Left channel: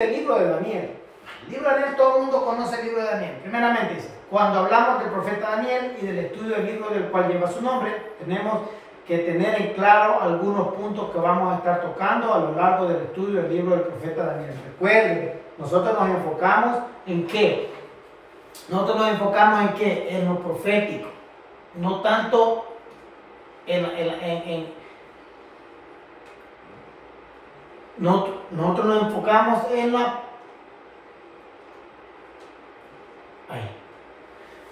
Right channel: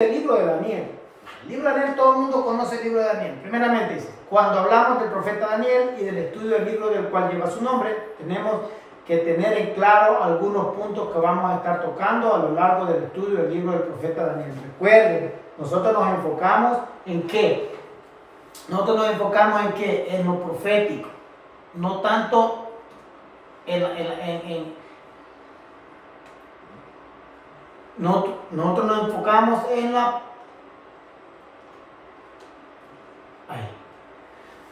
El libro de Daniel. El libro de Daniel, todo el mundo conoce el libro de Daniel. Primeramente dice, cuando hablamos del profeta Daniel y del estudio del libro del cual lleva su nombre, tenemos que tener en claro algunos puntos que vamos a estar tocando a lo largo del estudio del libro del profeta Daniel. Recuerden, nosotros nos enfocamos en qué. Nosotros nos enfocamos en qué, en lo profético, no tanto nosotros nos enfocamos en la...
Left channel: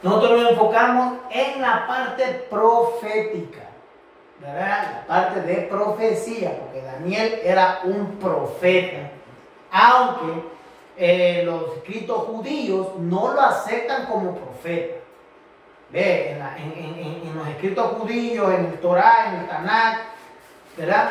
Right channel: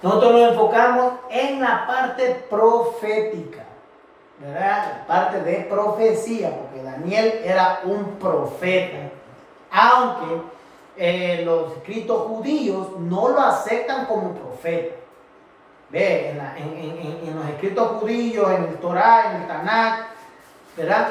Nosotros nos enfocamos en la parte profética, ¿verdad? La parte de profecía, porque Daniel era un profeta, aunque los escritos judíos no lo aceptan como profeta. Ve, en los escritos judíos, en el Torá, en el Tanakh, ¿verdad?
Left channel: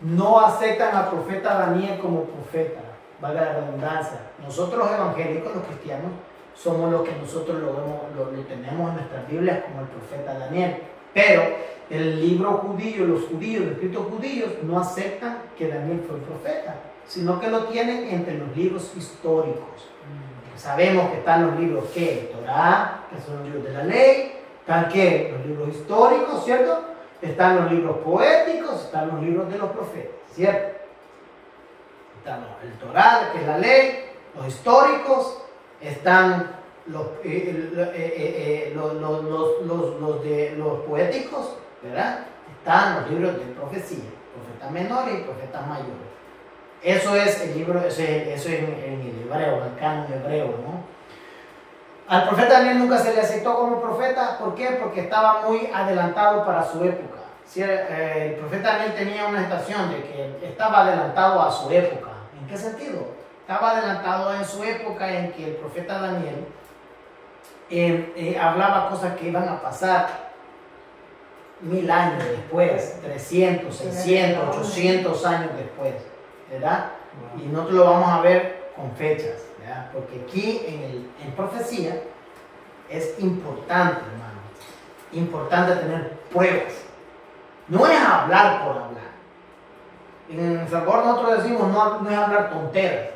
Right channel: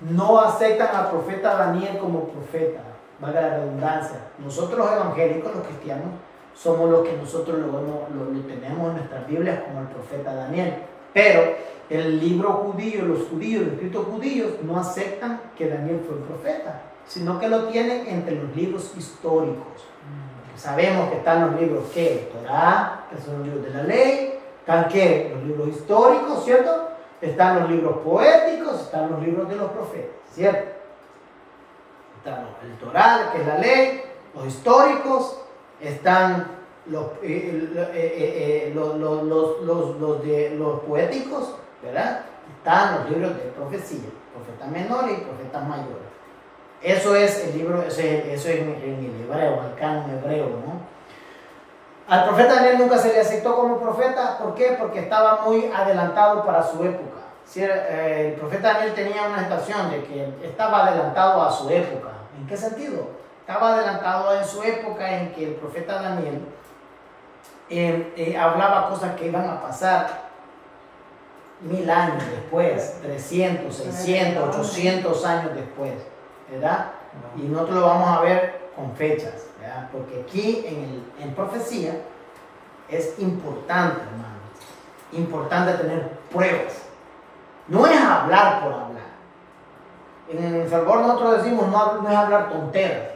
No aceptan al profeta Daniel como profeta, valga la redundancia. Nosotros los evangélicos, los cristianos, somos los que nosotros lo tenemos en nuestras Biblias como el profeta Daniel. Pero el libro judío, los escritos judíos, no aceptan que Daniel fue profeta, sino que lo tienen entre los libros históricos. Sabemos que están los libros que Torá, que son los libros de la ley, están que los libros históricos, ¿cierto? Están los libros poéticos, están los libros de los profetas, ¿cierto? Están el Torá, que es la ley, los históricos, están los poéticos, ¿verdad? Están los libros de profecía, profetas menores y profetas mayores. Eso es el libro, eso es en el hebreo, en el canon hebreo, ¿no? Al profeta Daniel nunca se le aceptó como profeta. ¿Por qué? Porque estaba muy adelantado para su época. El profeta Daniel tenía una estación de que estaba adelantado a su época. ¿En qué sentido? Estaba adelantado en su época en que el profeta Daniel hablaba cosas que iban a pasar 1000 años después, 300, 600, 800 años después, ¿verdad? Y nosotros lo vamos a ver con fechas, ¿verdad? Porque aquí en profecía es importante, hermano, importante tener pruebas. No es hablar por hablar. En El Salvador nosotros decimos no es hablar tonteras,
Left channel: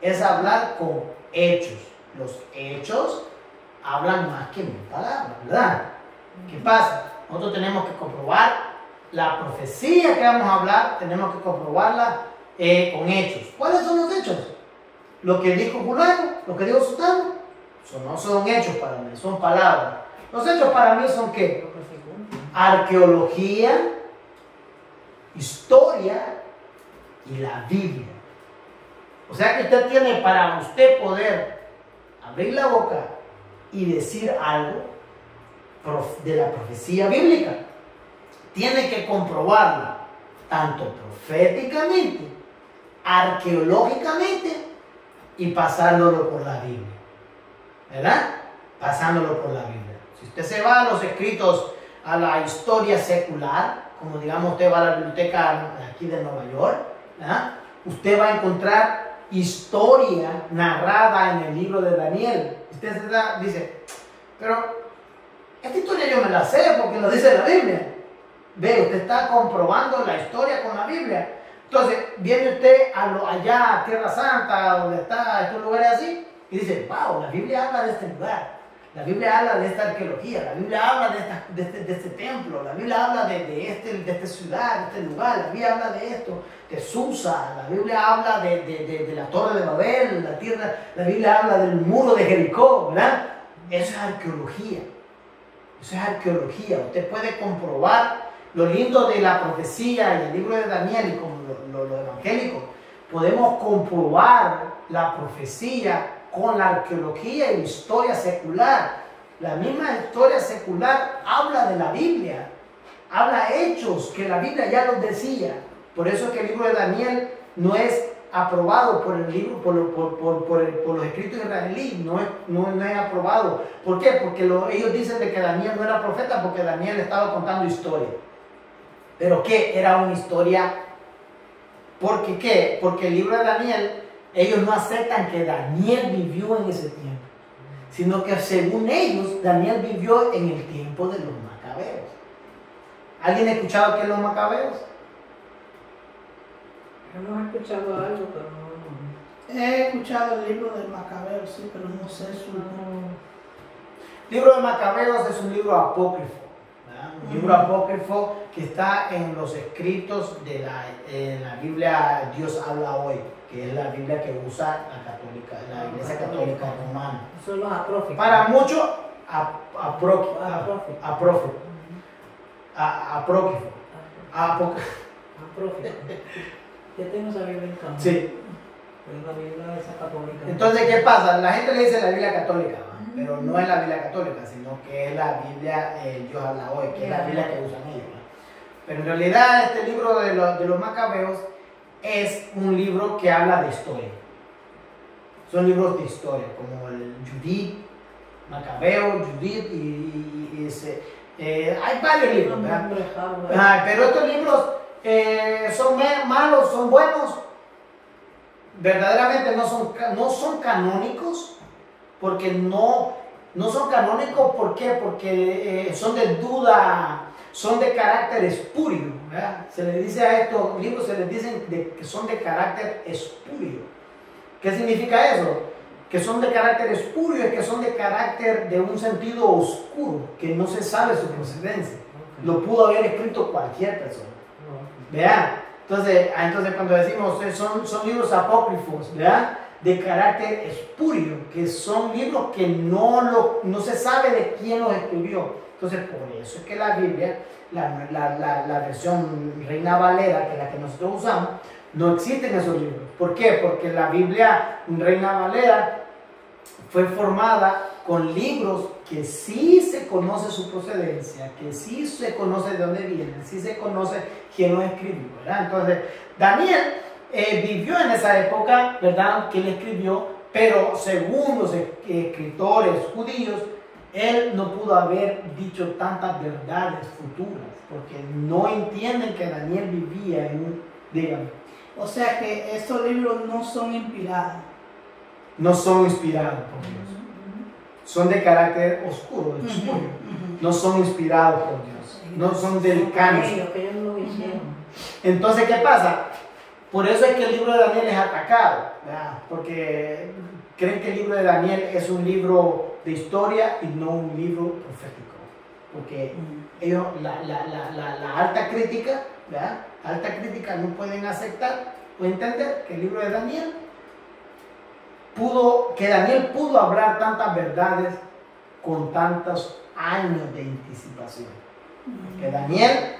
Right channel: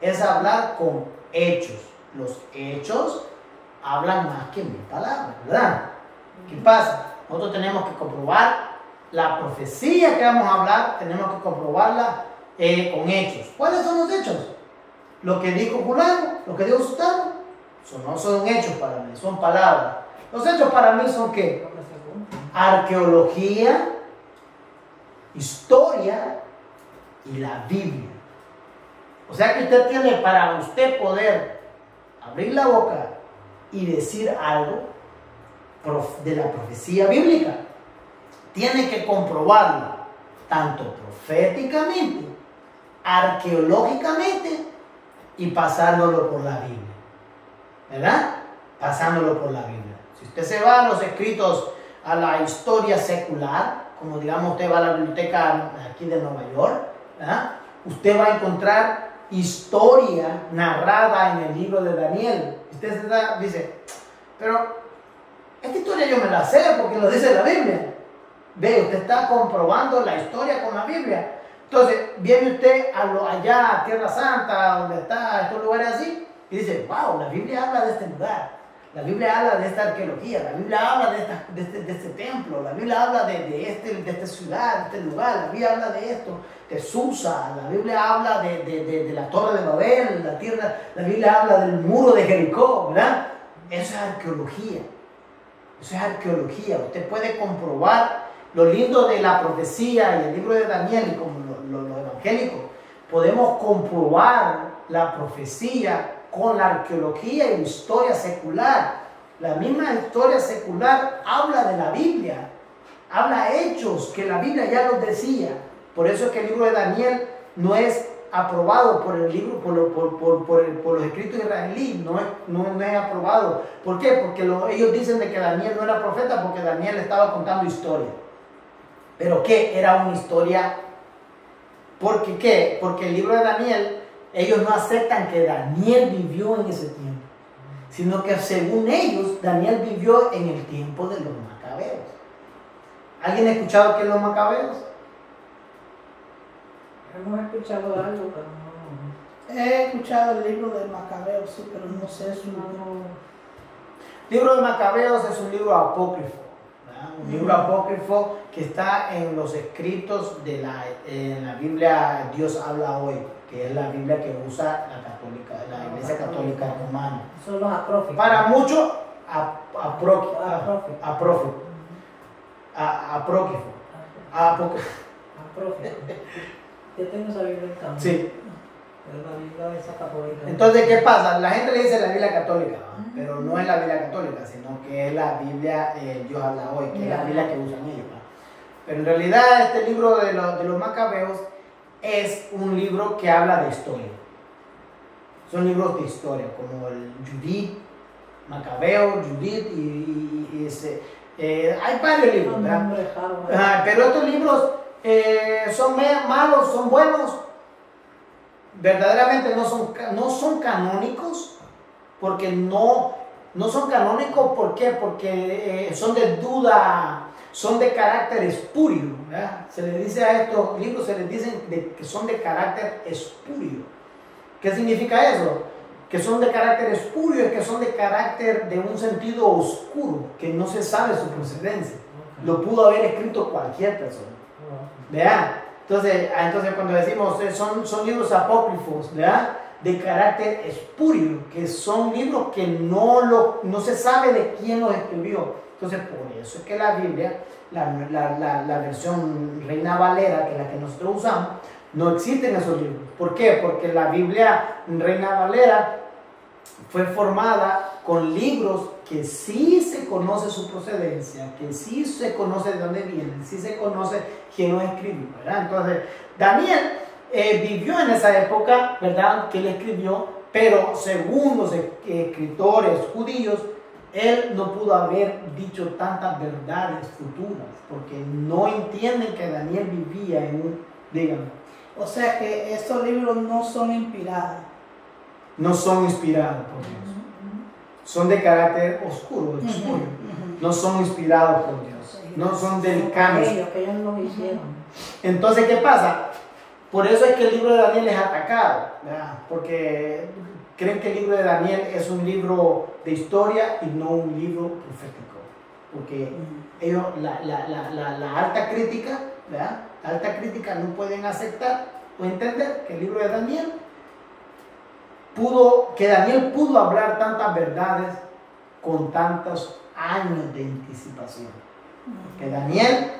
es hablar con hechos. Los hechos hablan más que 1000 palabras, ¿verdad? ¿Qué pasa? Nosotros tenemos que comprobar la profecía que vamos a hablar, tenemos que comprobarla con hechos. ¿Cuáles son los hechos? Lo que dijo fulano, lo que dijo sutano, no son hechos para mí, son palabras. Los hechos para mí son ¿qué? Arqueología, historia y la Biblia. O sea que usted tiene, para usted poder abrir la boca y decir algo de la profecía bíblica, tiene que comprobarla tanto proféticamente, arqueológicamente y pasándolo por la Biblia, ¿verdad? Pasándolo por la Biblia. Si usted se va a los escritos, a la historia secular, como digamos usted va a la biblioteca aquí de Nueva York, ¿verdad? Usted va a encontrar historia narrada en el libro de Daniel. Usted dice, pero esta historia yo me la sé porque lo dice la Biblia. Ve, usted está comprobando la historia con la Biblia. Entonces, viene usted allá a Tierra Santa, donde está estos lugares así, y dice, wow, la Biblia habla de este lugar, la Biblia habla de esta arqueología, la Biblia habla de este templo, la Biblia habla de esta ciudad, de este lugar, la Biblia habla de esto, de Susa, la Biblia habla de la Torre de Babel, la Biblia habla del muro de Jericó, ¿verdad? Eso es arqueología, eso es arqueología. Usted puede comprobar lo lindo de la profecía y el libro de Daniel, y como los evangélicos, podemos comprobar la profecía con la arqueología y la historia secular. La misma historia secular habla de la Biblia, habla hechos que la Biblia ya los decía. Por eso es que el libro de Daniel no es aprobado por el libro, por los escritos israelíes, no es aprobado. ¿Por qué? Porque ellos dicen de que Daniel no era profeta porque Daniel estaba contando historia. ¿Pero qué? Era una historia. ¿Por qué? Porque el libro de Daniel, ellos no aceptan que Daniel vivió en ese tiempo, sino que según ellos, Daniel vivió en el tiempo de los macabeos. ¿Alguien ha escuchado qué es los macabeos? Hemos escuchado algo, pero no. He escuchado el libro de Macabeo, sí, pero no sé su... Libro de Macabeos es un libro apócrifo, ¿verdad? Un libro apócrifo que está en los escritos de en la Biblia Dios habla hoy, que es la Biblia que usa la Iglesia Católica Romana. Son los apócrifos. Para muchos, Apócrifo. Yo tengo esa Biblia en casa. Sí. La Biblia esa católica. Entonces, ¿qué pasa? La gente le dice la Biblia católica, ¿no? Pero no es la Biblia católica, sino que es la Biblia Dios habla hoy, que es la Biblia que usan ellos, ¿no? Pero en realidad este libro de los Macabeos es un libro que habla de historia. Son libros de historia, como el Judith, Macabeo, Judith hay varios libros, ¿verdad? Pero estos libros son malos, son buenos. Verdaderamente no son canónicos, porque no son canónicos, ¿por qué? Porque son de duda, son de carácter espurio, ¿verdad? Se les dice a estos libros, se les dicen que son de carácter espurio. ¿Qué significa eso? Que son de carácter espurio, es que son de carácter de un sentido oscuro, que no se sabe su procedencia. Lo pudo haber escrito cualquier persona. ¿Vean? Entonces cuando decimos son libros apócrifos, ¿verdad? De carácter espurio, que son libros que no se sabe de quién los escribió. Entonces por eso es que la Biblia, la versión Reina Valera, que es la que nosotros usamos, no existen esos libros. ¿Por qué? Porque la Biblia Reina Valera fue formada con libros que sí se conoce su procedencia, que sí se conoce de dónde vienen, sí se conoce quién los escribió, ¿verdad? Entonces, Daniel vivió en esa época, ¿verdad?, que él escribió, pero según los escritores judíos, él no pudo haber dicho tantas verdades futuras, porque no entienden que Daniel vivía en un... Dígame. O sea que estos libros no son inspirados. No son inspirados por Dios. Son de carácter oscuro, espurio. No son inspirados por Dios. No son del cambio. Que ellos lo hicieron. Entonces, ¿qué pasa? Por eso es que el libro de Daniel es atacado, ¿verdad? Porque creen que el libro de Daniel es un libro de historia y no un libro profético. Porque ellos, la alta crítica, ¿verdad? La alta crítica no pueden aceptar o entender que el libro de Daniel Daniel pudo hablar tantas verdades con tantos años de anticipación. Que Daniel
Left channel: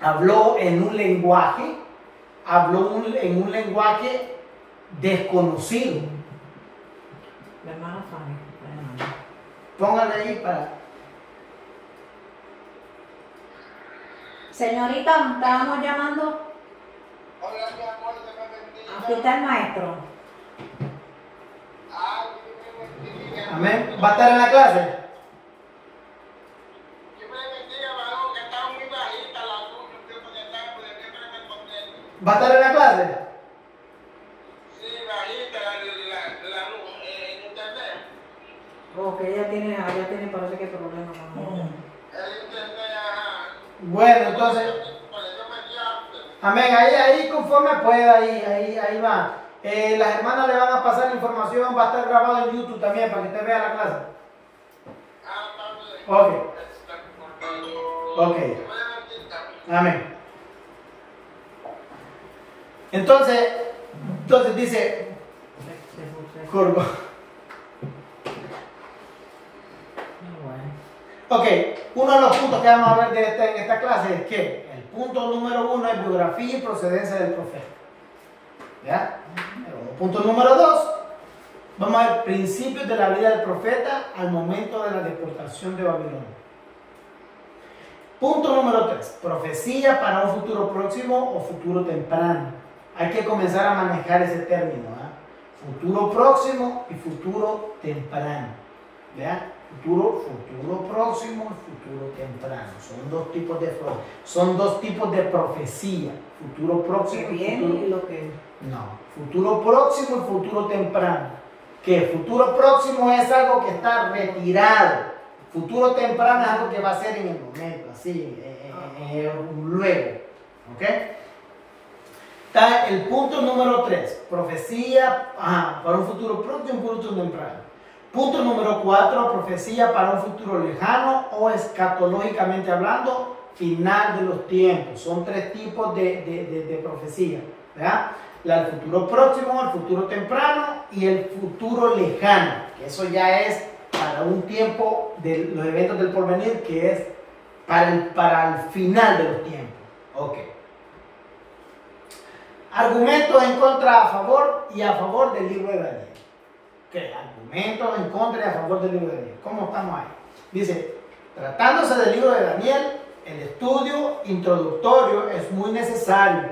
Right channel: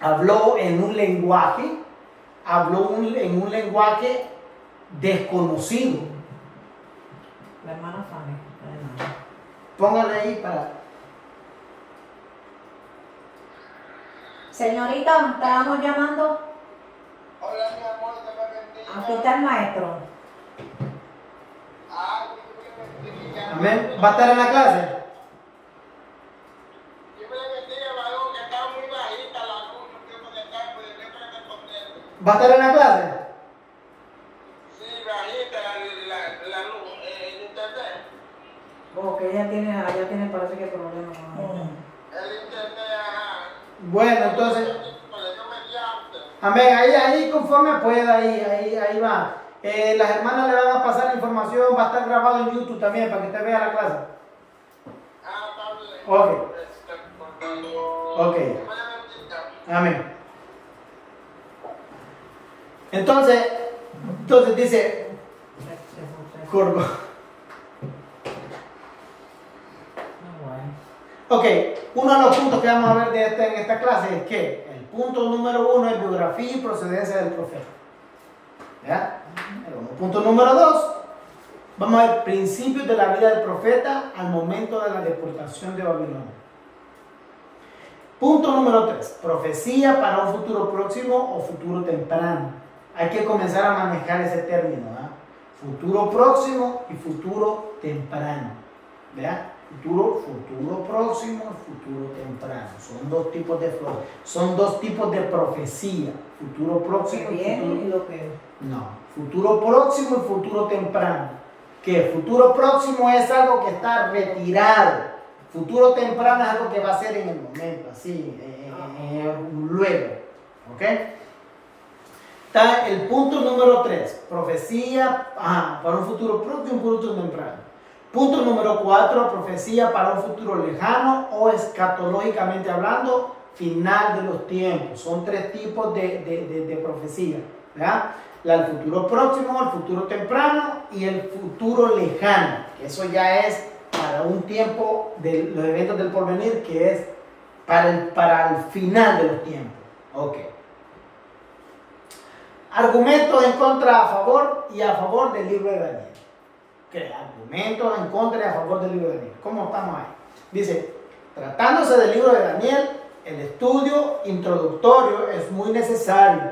habló en un lenguaje, en un lenguaje desconocido. La hermana Fanny. Póngale ahí para... Señorita, estábamos llamando. Hola, mi amor, te me bendiga. Aquí está el maestro. Amén. ¿Va a estar en la clase? Dios me bendiga, varón, que estaba muy bajita la luz, yo conectando, de siempre me contento. ¿Va a estar en la clase? Sí, bajita la luz, en internet. Ok, ella tiene parece que problemas. El internet, ajá. Bueno, entonces... Amén. Ahí conforme pueda, ahí va. Las hermanas le van a pasar la información, va a estar grabado en YouTube también para que usted vea la clase. Ok. Amén. Entonces dice Curvo. Ok, uno de los puntos que vamos a ver en esta clase es que el punto número 1 es biografía y procedencia del profeta. ¿Ya? Punto número 2, vamos a ver principios de la vida del profeta al momento de la deportación de Babilonia. Punto número 3, profecía para un futuro próximo o futuro temprano. Hay que comenzar a manejar ese término, ¿verdad? Futuro próximo y futuro temprano. ¿Verdad? Futuro próximo y futuro temprano. Son dos tipos de profecía. Futuro próximo y futuro próximo y futuro temprano. Que futuro próximo es algo que está retirado. Futuro temprano es algo que va a ser en el momento, así, luego. ¿Ok? Está el punto número 3, profecía para un futuro pronto y un futuro temprano. Punto número 4, profecía para un futuro lejano o escatológicamente hablando, final de los tiempos. Son 3 tipos de profecía, ¿verdad? El futuro próximo, el futuro temprano y el futuro lejano. Eso ya es para un tiempo de los eventos del porvenir, que es para el final de los tiempos. Ok. Argumentos en contra, a favor y a favor del libro de Daniel. ¿Qué? Argumentos en contra y a favor del libro de Daniel. ¿Cómo estamos ahí? Dice, tratándose del libro de Daniel, el estudio introductorio es muy necesario.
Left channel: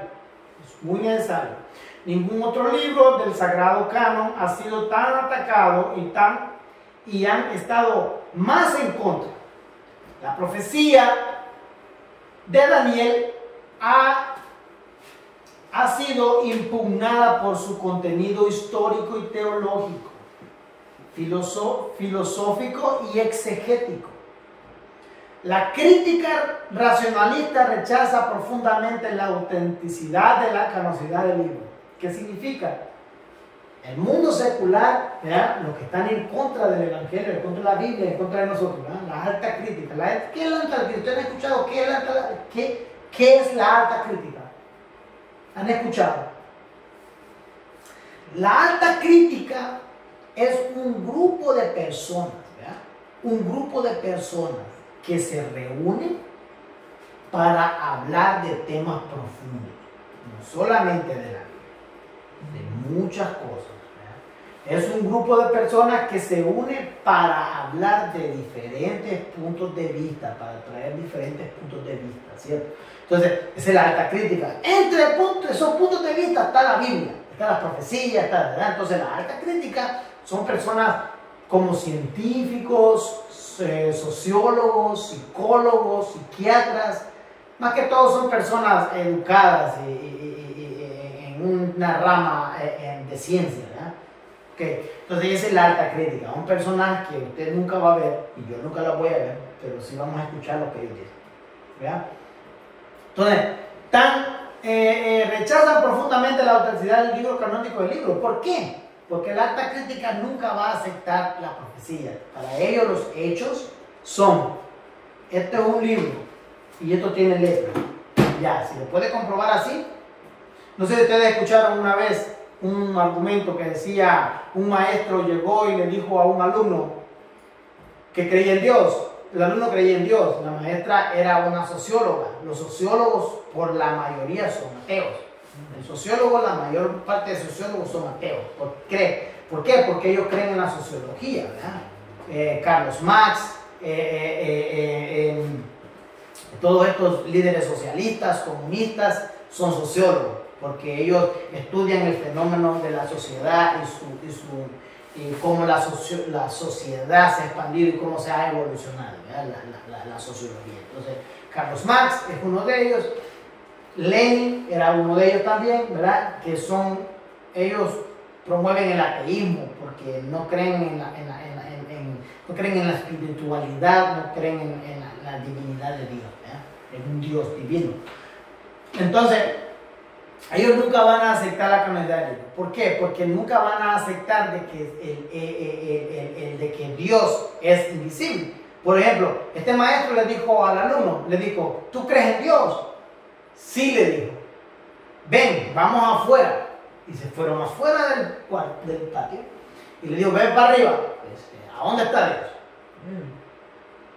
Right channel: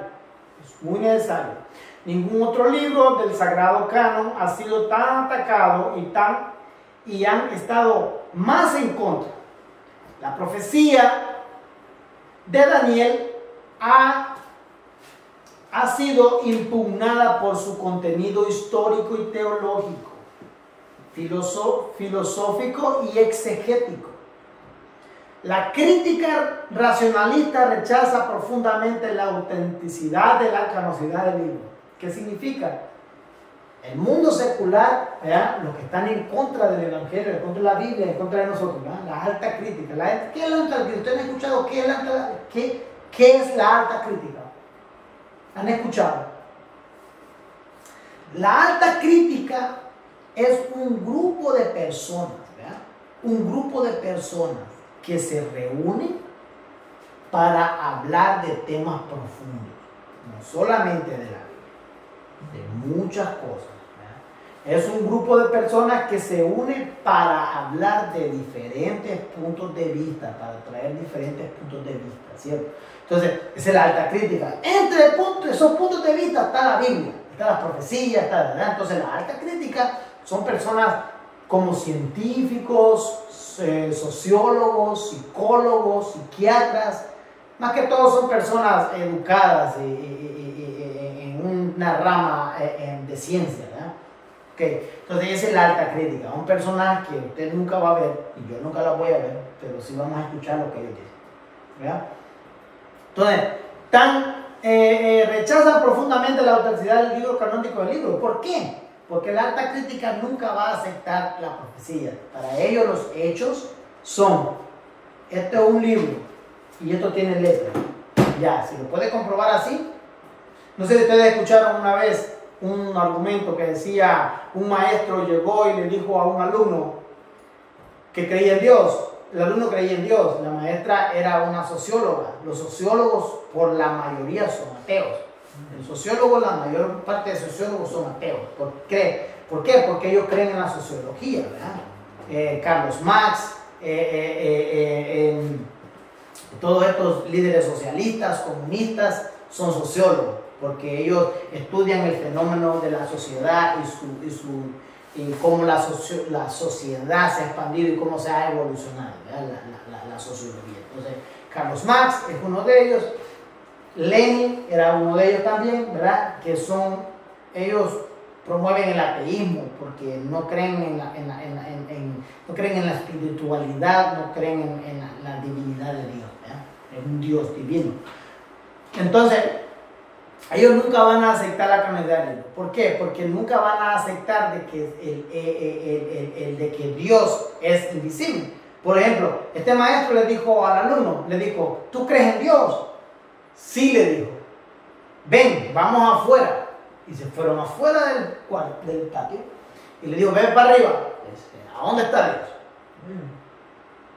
Es muy necesario. Ningún otro libro del Sagrado Canon ha sido tan atacado y han estado más en contra. La profecía de Daniel ha sido impugnada por su contenido histórico y teológico, filosófico y exegético. La crítica racionalista rechaza profundamente la autenticidad de la canonicidad del libro. ¿Qué significa? El mundo secular, ¿verdad? Los que están en contra del Evangelio, en contra de la Biblia, en contra de nosotros, ¿verdad? La alta crítica. ¿Qué es la alta crítica? ¿Ustedes han escuchado qué es la alta crítica? ¿Han escuchado? La alta crítica es un grupo de personas, ¿verdad? Un grupo de personas que se reúnen para hablar de temas profundos, no solamente de la Biblia, de muchas cosas, ¿verdad? Es un grupo de personas que se unen para hablar de diferentes puntos de vista, para traer diferentes puntos de vista, ¿cierto? Entonces, esa es la alta crítica. Entre esos puntos de vista está la Biblia, está la profecía, está, ¿verdad? Entonces, la alta crítica son personas como científicos, sociólogos, psicólogos, psiquiatras, más que todo son personas educadas en una rama de ciencia, ¿verdad? Okay. Entonces, esa es la alta crítica, un personaje que usted nunca va a ver, y yo nunca lo voy a ver, pero sí vamos a escuchar lo que ellos dicen, ¿verdad? Entonces, rechazan profundamente la autenticidad del libro canónico del libro. ¿Por qué? Porque la alta crítica nunca va a aceptar la profecía. Para ellos los hechos son, esto es un libro y esto tiene letra. Ya, si lo puede comprobar así. No sé si ustedes escucharon una vez un argumento que decía, un maestro llegó y le dijo a un alumno que creía en Dios. El alumno creía en Dios, la maestra era una socióloga. Los sociólogos por la mayoría son ateos. Los sociólogos, la mayor parte de sociólogos son ateos. ¿Por qué? Porque ellos creen en la sociología, ¿verdad? Carlos Marx, todos estos líderes socialistas, comunistas, son sociólogos, porque ellos estudian el fenómeno de la sociedad y cómo la sociedad se ha expandido y cómo se ha evolucionado, la sociología. Entonces, Carlos Marx es uno de ellos, Lenin era uno de ellos también, ¿verdad? Ellos promueven el ateísmo porque no creen no creen en la espiritualidad, no creen en la divinidad de Dios, ¿verdad? En un Dios divino. Entonces, ellos nunca van a aceptar la canonicidad del libro. ¿Por qué? Porque nunca van a aceptar de que Dios es invisible. Por ejemplo, este maestro le dijo al alumno, le dijo, ¿tú crees en Dios? Sí, le dijo. Ven, vamos afuera. Y se fueron afuera del patio. Y le dijo, ven para arriba. ¿A dónde está Dios?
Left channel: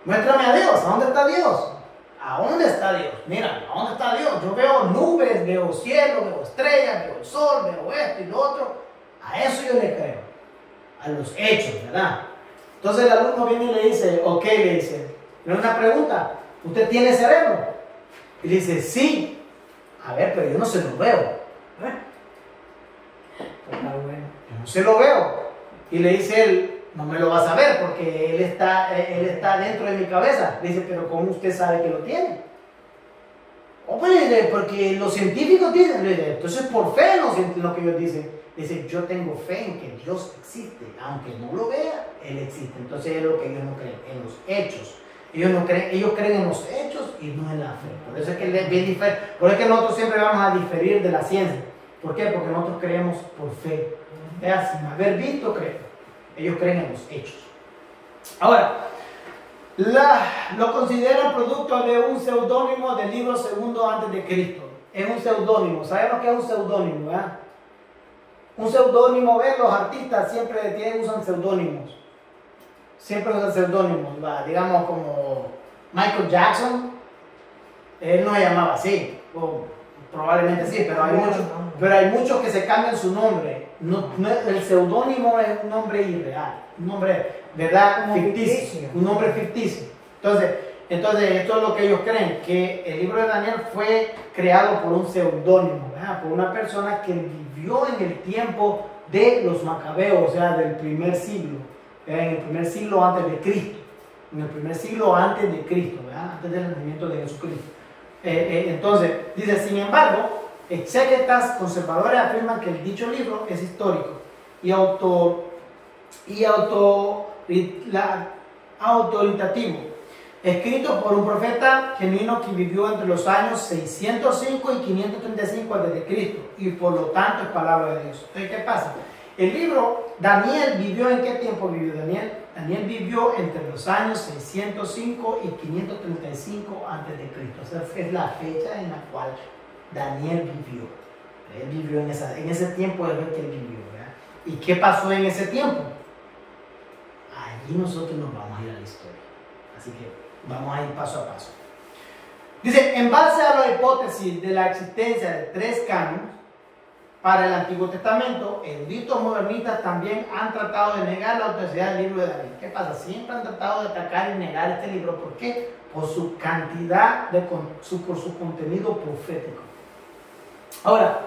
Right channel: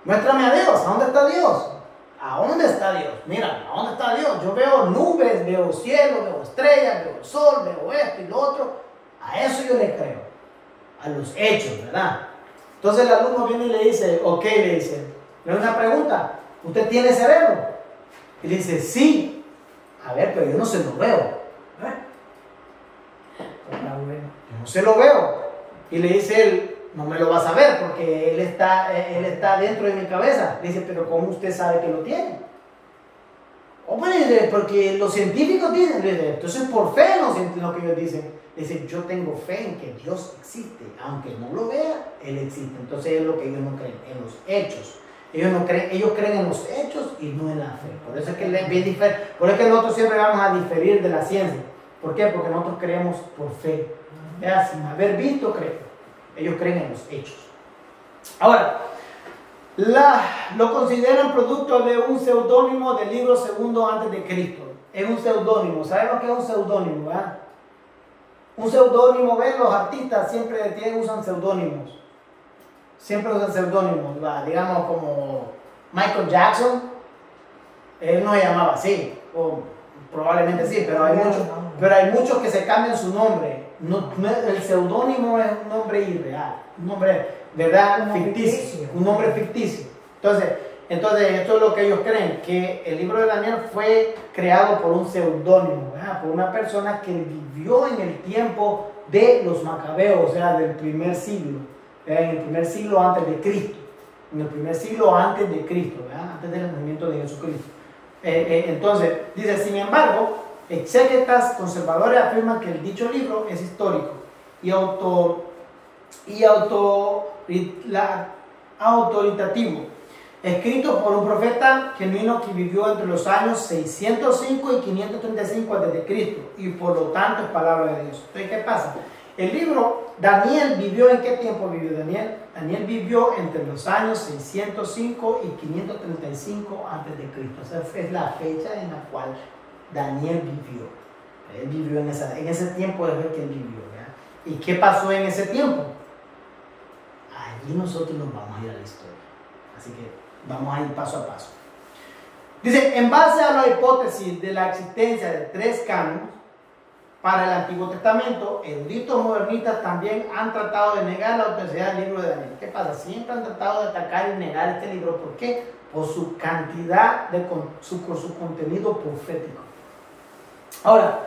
Muéstrame a Dios. ¿A dónde está Dios? ¿A dónde está Dios? Mira, ¿a dónde está Dios? Yo veo nubes, veo cielo, veo estrellas, veo el sol, veo esto y lo otro. A eso yo le creo. A los hechos, ¿verdad? Entonces el alumno viene y le dice, ok, le dice, le una pregunta, ¿usted tiene cerebro? Y le dice, sí. A ver, pero yo no se lo veo. Yo no se lo veo. Y le dice él, no me lo vas a ver porque él está dentro de mi cabeza. Le dice, pero ¿cómo usted sabe que lo tiene? Oh, pues, porque los científicos dicen, entonces por fe lo que ellos dicen. Dice, yo tengo fe en que Dios existe, aunque no lo vea, Él existe. Entonces es lo que ellos no creen, en los hechos. Ellos creen en los hechos y no en la fe. Por eso es que es bien diferente. Por eso es que nosotros siempre vamos a diferir de la ciencia. ¿Por qué? Porque nosotros creemos por fe. ¿Ya? Sin haber visto, creen. Ellos creen en los hechos. Ahora, lo consideran producto de un seudónimo del libro segundo antes de Cristo. Es un seudónimo. ¿Sabemos qué es un seudónimo? ¿Verdad? Un seudónimo, ¿ven? Los artistas siempre usan seudónimos. Siempre usan seudónimos. Digamos como Michael Jackson. Él no se llamaba así. O probablemente sí, pero hay muchos que se cambian su nombre. El seudónimo es un nombre irreal. Un nombre, ¿verdad? Ficticio. Un nombre ficticio. Entonces, esto es lo que ellos creen, que el libro de Daniel fue creado por un seudónimo, por una persona que vivió en el tiempo de los macabeos, o sea, del primer siglo, en el primer siglo antes de Cristo, en el primer siglo antes de Cristo, antes del nacimiento de Jesucristo. Entonces, dice, sin embargo, exégetas conservadores afirman que el dicho libro es histórico y autoritativo, escrito por un profeta genuino que vivió entre los años 605 y 535 a.C. y por lo tanto es palabra de Dios. Entonces, ¿qué pasa? El libro, Daniel vivió, ¿en qué tiempo vivió Daniel? Daniel vivió entre los años 605 y 535 a.C. Esa es la fecha en la cual Daniel vivió. Él vivió en ese tiempo es el que él vivió. ¿Ya? ¿Y qué pasó en ese tiempo? Allí nosotros nos vamos a ir a la historia. Así que vamos a ir paso a paso. Dice, en base a la hipótesis de la existencia de 3 cánones para el Antiguo Testamento, eruditos modernistas también han tratado de negar la autenticidad del libro de Daniel. ¿Qué pasa? Siempre han tratado de atacar y negar este libro. ¿Por qué? Por su cantidad, por su contenido profético. Ahora,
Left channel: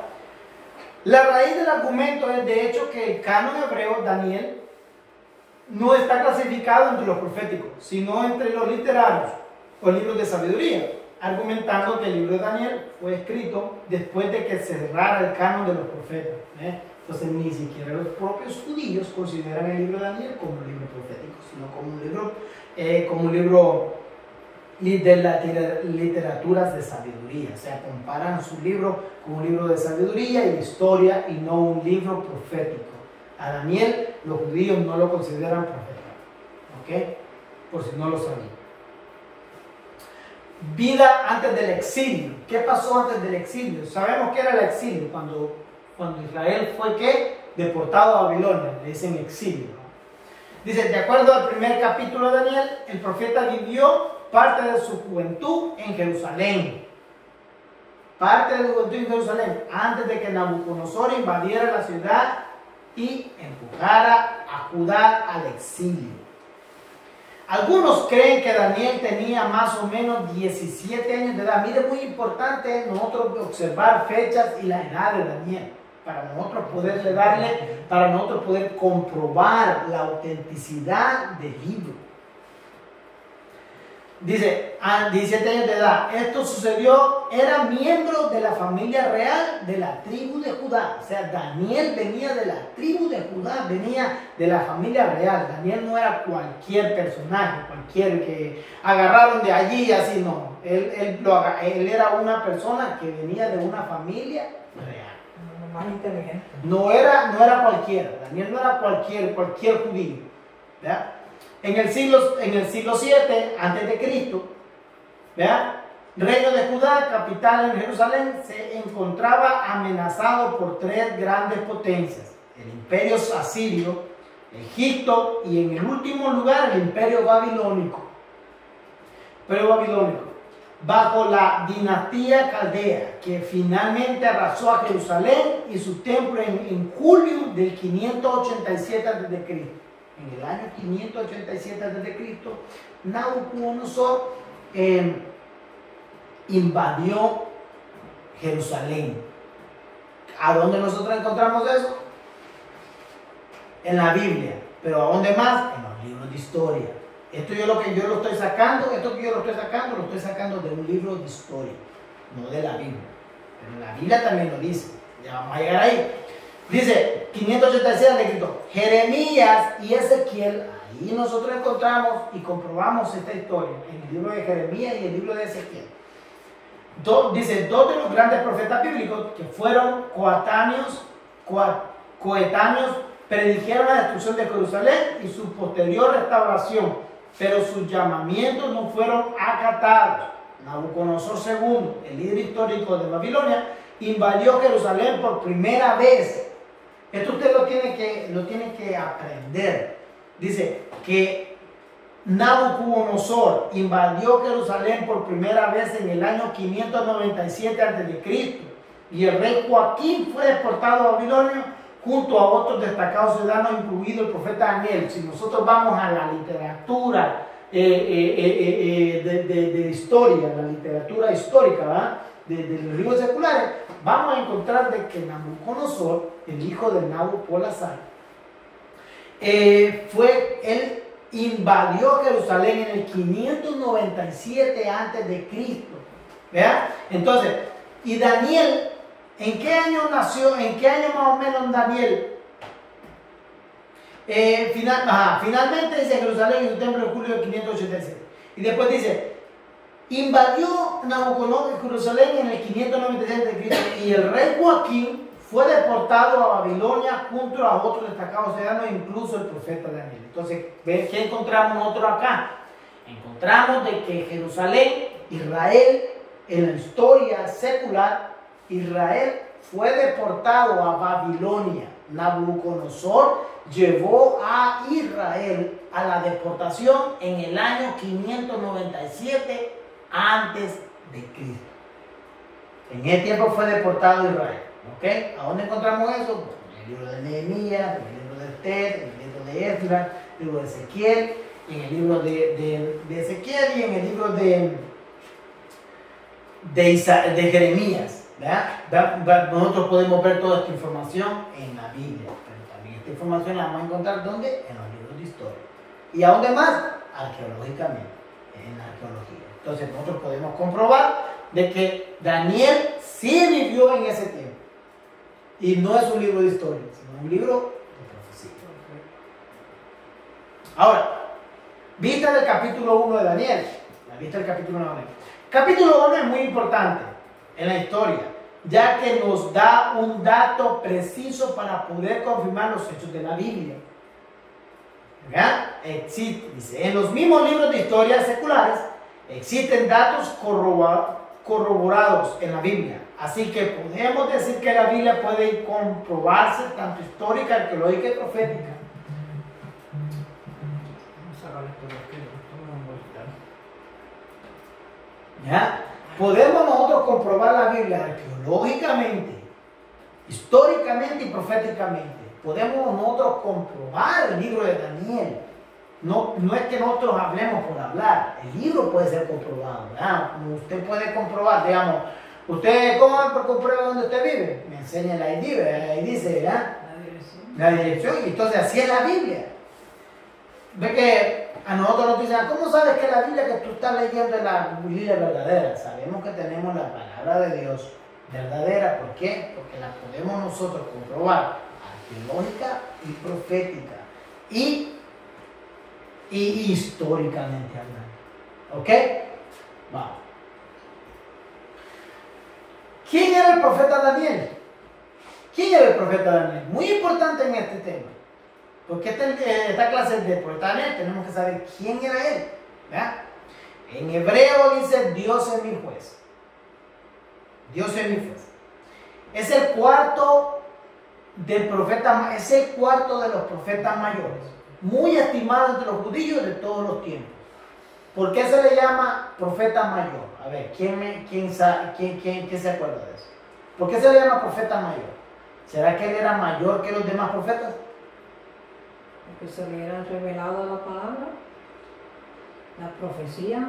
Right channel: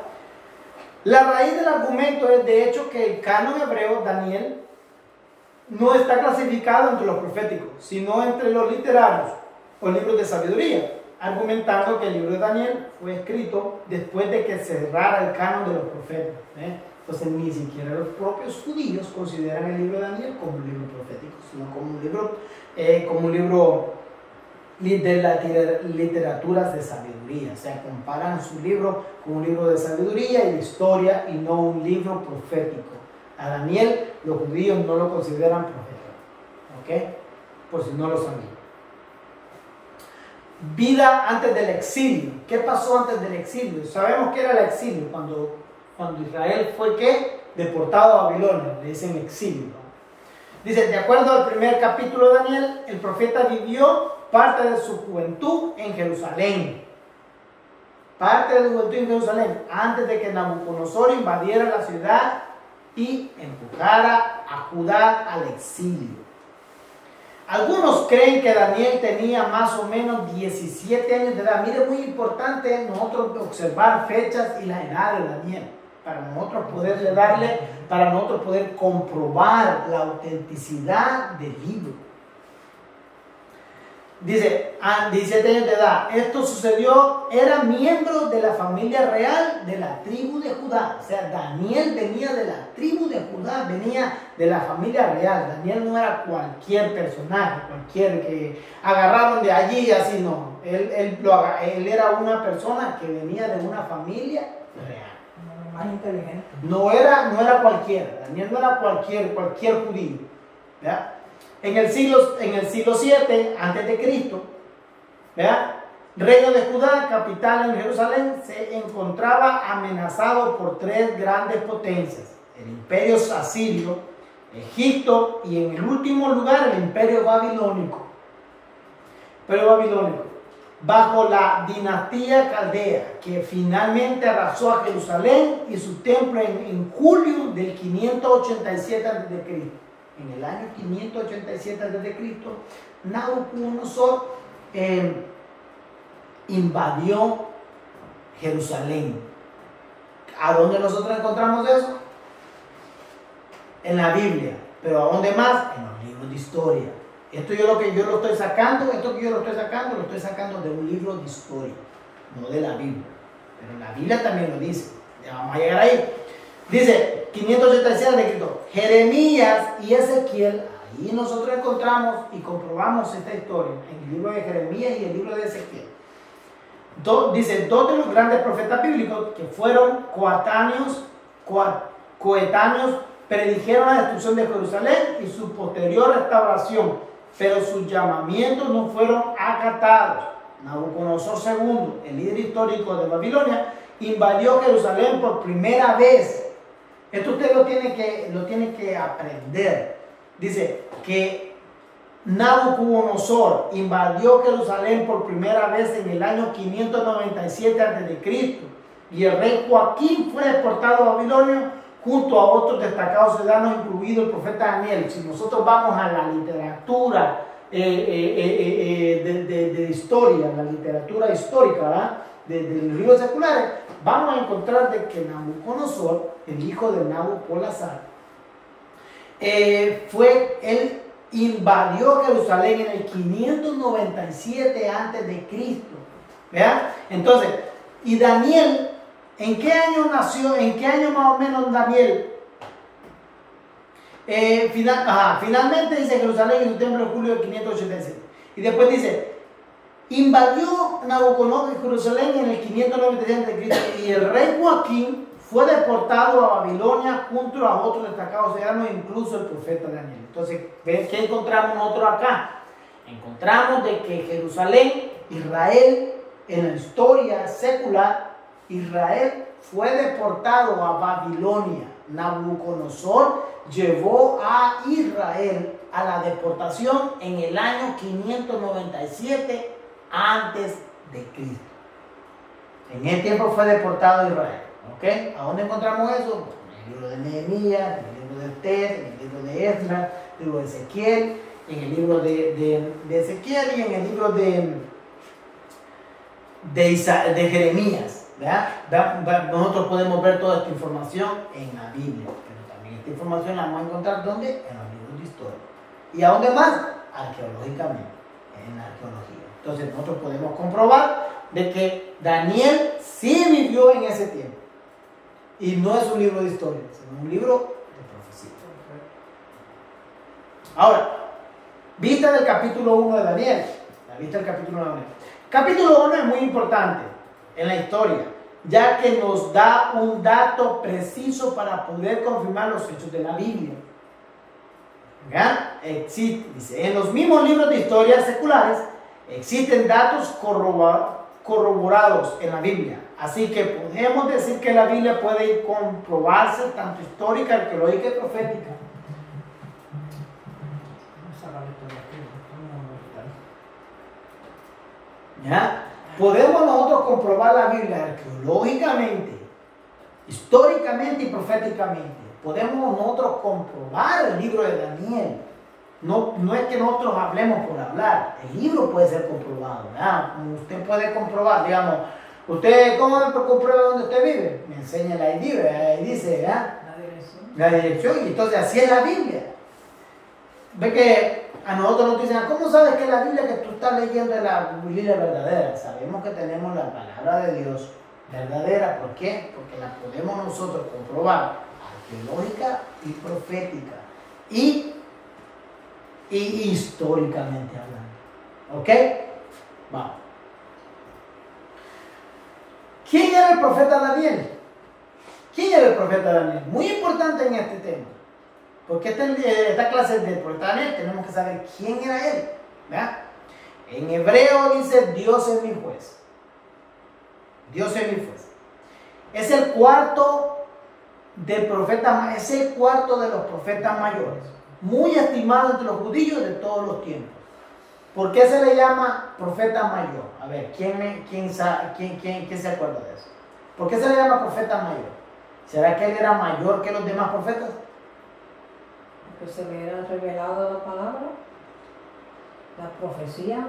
la raíz del argumento es de hecho que el canon hebreo, Daniel, no está clasificado entre los proféticos, sino entre los literarios o libros de sabiduría, argumentando que el libro de Daniel fue escrito después de que se cerrara el canon de los profetas. Entonces ni siquiera los propios judíos consideran el libro de Daniel como un libro profético, sino como un libro de las literaturas de sabiduría. O sea, comparan su libro con un libro de sabiduría y de historia y no un libro profético. A Daniel los judíos no lo consideran profeta. ¿Ok? Por si no lo sabían. Vida antes del exilio. ¿Qué pasó antes del exilio? Sabemos que era el exilio cuando Israel fue ¿qué? Deportado a Babilonia. Le dicen exilio. Dice, de acuerdo al primer capítulo de Daniel, el profeta vivió parte de su juventud en Jerusalén. Parte de su juventud en Jerusalén, antes de que Nabucodonosor invadiera la ciudad y empujara a Judá al exilio. Algunos creen que Daniel tenía más o menos 17 años de edad. Mire, muy importante nosotros observar fechas y la edad de Daniel, para nosotros poder comprobar la autenticidad del libro. Dice, a 17 años de edad, esto sucedió, era miembro de la familia real de la tribu de Judá. O sea, Daniel venía de la tribu de Judá, venía de la familia real. Daniel no era cualquier personaje, cualquier que agarraron de allí, así no. Él era una persona que venía de una familia real. Más inteligente. No era cualquiera. Daniel no era cualquier judío. ¿Verdad? En el siglo 7 antes de Cristo, ¿verdad? Reino de Judá, capital en Jerusalén, se encontraba amenazado por 3 grandes potencias: el imperio asirio, Egipto y en el último lugar el imperio babilónico. Bajo la dinastía caldea, que finalmente arrasó a Jerusalén y su templo en julio del 587 a.C. En el año 587 a.C., Nabucodonosor invadió Jerusalén. ¿A dónde nosotros encontramos eso? En la Biblia. ¿Pero a dónde más? En los libros de historia. Esto lo estoy sacando de un libro de historia, no de la Biblia. Pero la Biblia también lo dice. Ya vamos a llegar ahí. Dice 586 de Cristo, Jeremías y Ezequiel. Ahí nosotros encontramos y comprobamos esta historia en el libro de Jeremías y el libro de Ezequiel. dice, dos de los grandes profetas bíblicos que fueron coetáneos predijeron la destrucción de Jerusalén y su posterior restauración, pero sus llamamientos no fueron acatados. Nabucodonosor II, el líder histórico de Babilonia, invadió Jerusalén por primera vez. Esto usted lo tiene que aprender. Dice que Nabucodonosor invadió Jerusalén por primera vez en el año 597 a.C. y el rey Joaquín fue deportado a Babilonia junto a otros destacados ciudadanos, incluido el profeta Daniel. Si nosotros vamos a la literatura de historia, la literatura histórica de los libros seculares, vamos a encontrar de que Nabucodonosor, el hijo de Nabopolassar, él invadió Jerusalén en el 597 a.C. Entonces, y Daniel, ¿en qué año nació? ¿En qué año más o menos Daniel? Finalmente dice Jerusalén en su templo en julio de 587. Y después dice, invadió Nabucodonosor Jerusalén en el 597 a.C. y el rey Joaquín fue deportado a Babilonia junto a otros destacados ciudadanos, incluso el profeta Daniel. Entonces, ¿ves qué encontramos nosotros acá? Encontramos de que Jerusalén, Israel, en la historia secular, Israel fue deportado a Babilonia. Nabucodonosor llevó a Israel a la deportación en el año 597 antes de Cristo. En ese tiempo fue deportado Israel. ¿Ok? ¿A dónde encontramos eso? En el libro de Nehemías, en el libro de Esther, en el libro de Esdras, en el libro de Ezequiel, en el libro de Ezequiel y en el libro de Jeremías. ¿Verdad? Nosotros podemos ver toda esta información en la Biblia, pero también esta información la vamos a encontrar ¿dónde? En los libros de historia. ¿Y a dónde más? Arqueológicamente, en la arqueología. Entonces nosotros podemos comprobar de que Daniel sí vivió en ese tiempo. Y no es un libro de historia, sino un libro de profecía. Ahora, vista del capítulo 1 de Daniel. La vista del capítulo 1 de Daniel. Capítulo 1 es muy importante en la historia, ya que nos da un dato preciso para poder confirmar los hechos de la Biblia. Dice, en los mismos libros de historia seculares existen datos corroborados en la Biblia. Así que podemos decir que la Biblia puede comprobarse tanto histórica, arqueológica y profética. ¿Ya? Podemos nosotros comprobar la Biblia arqueológicamente, históricamente y proféticamente. Podemos nosotros comprobar el libro de Daniel. No es que nosotros hablemos por hablar. El libro puede ser comprobado. ¿Verdad? Usted puede comprobar, digamos, ¿usted cómo comprueba dónde usted vive? Me enseña la ID, ahí dice, ¿verdad? La dirección. Y entonces así es la Biblia. Ve que a nosotros nos dicen, ¿cómo sabes que la Biblia que tú estás leyendo es la Biblia verdadera? Sabemos que tenemos la palabra de Dios verdadera. ¿Por qué? Porque la podemos nosotros comprobar arqueológica y profética y históricamente hablando. ¿Ok? Vamos. ¿Quién era el profeta Daniel? ¿Quién era el profeta Daniel? Muy importante en este tema. Porque esta clase de profeta Daniel tenemos que saber quién era él. ¿Verdad? En hebreo dice Dios es mi juez. Dios es mi juez. Es el cuarto del profeta, es el cuarto de los profetas mayores. Muy estimado entre los judíos de todos los tiempos. ¿Por qué se le llama profeta mayor? A ver, ¿quién se acuerda de eso? ¿Por qué se le llama profeta mayor? ¿Será que él era mayor que los demás profetas? Porque se le era revelado la palabra, la profecía.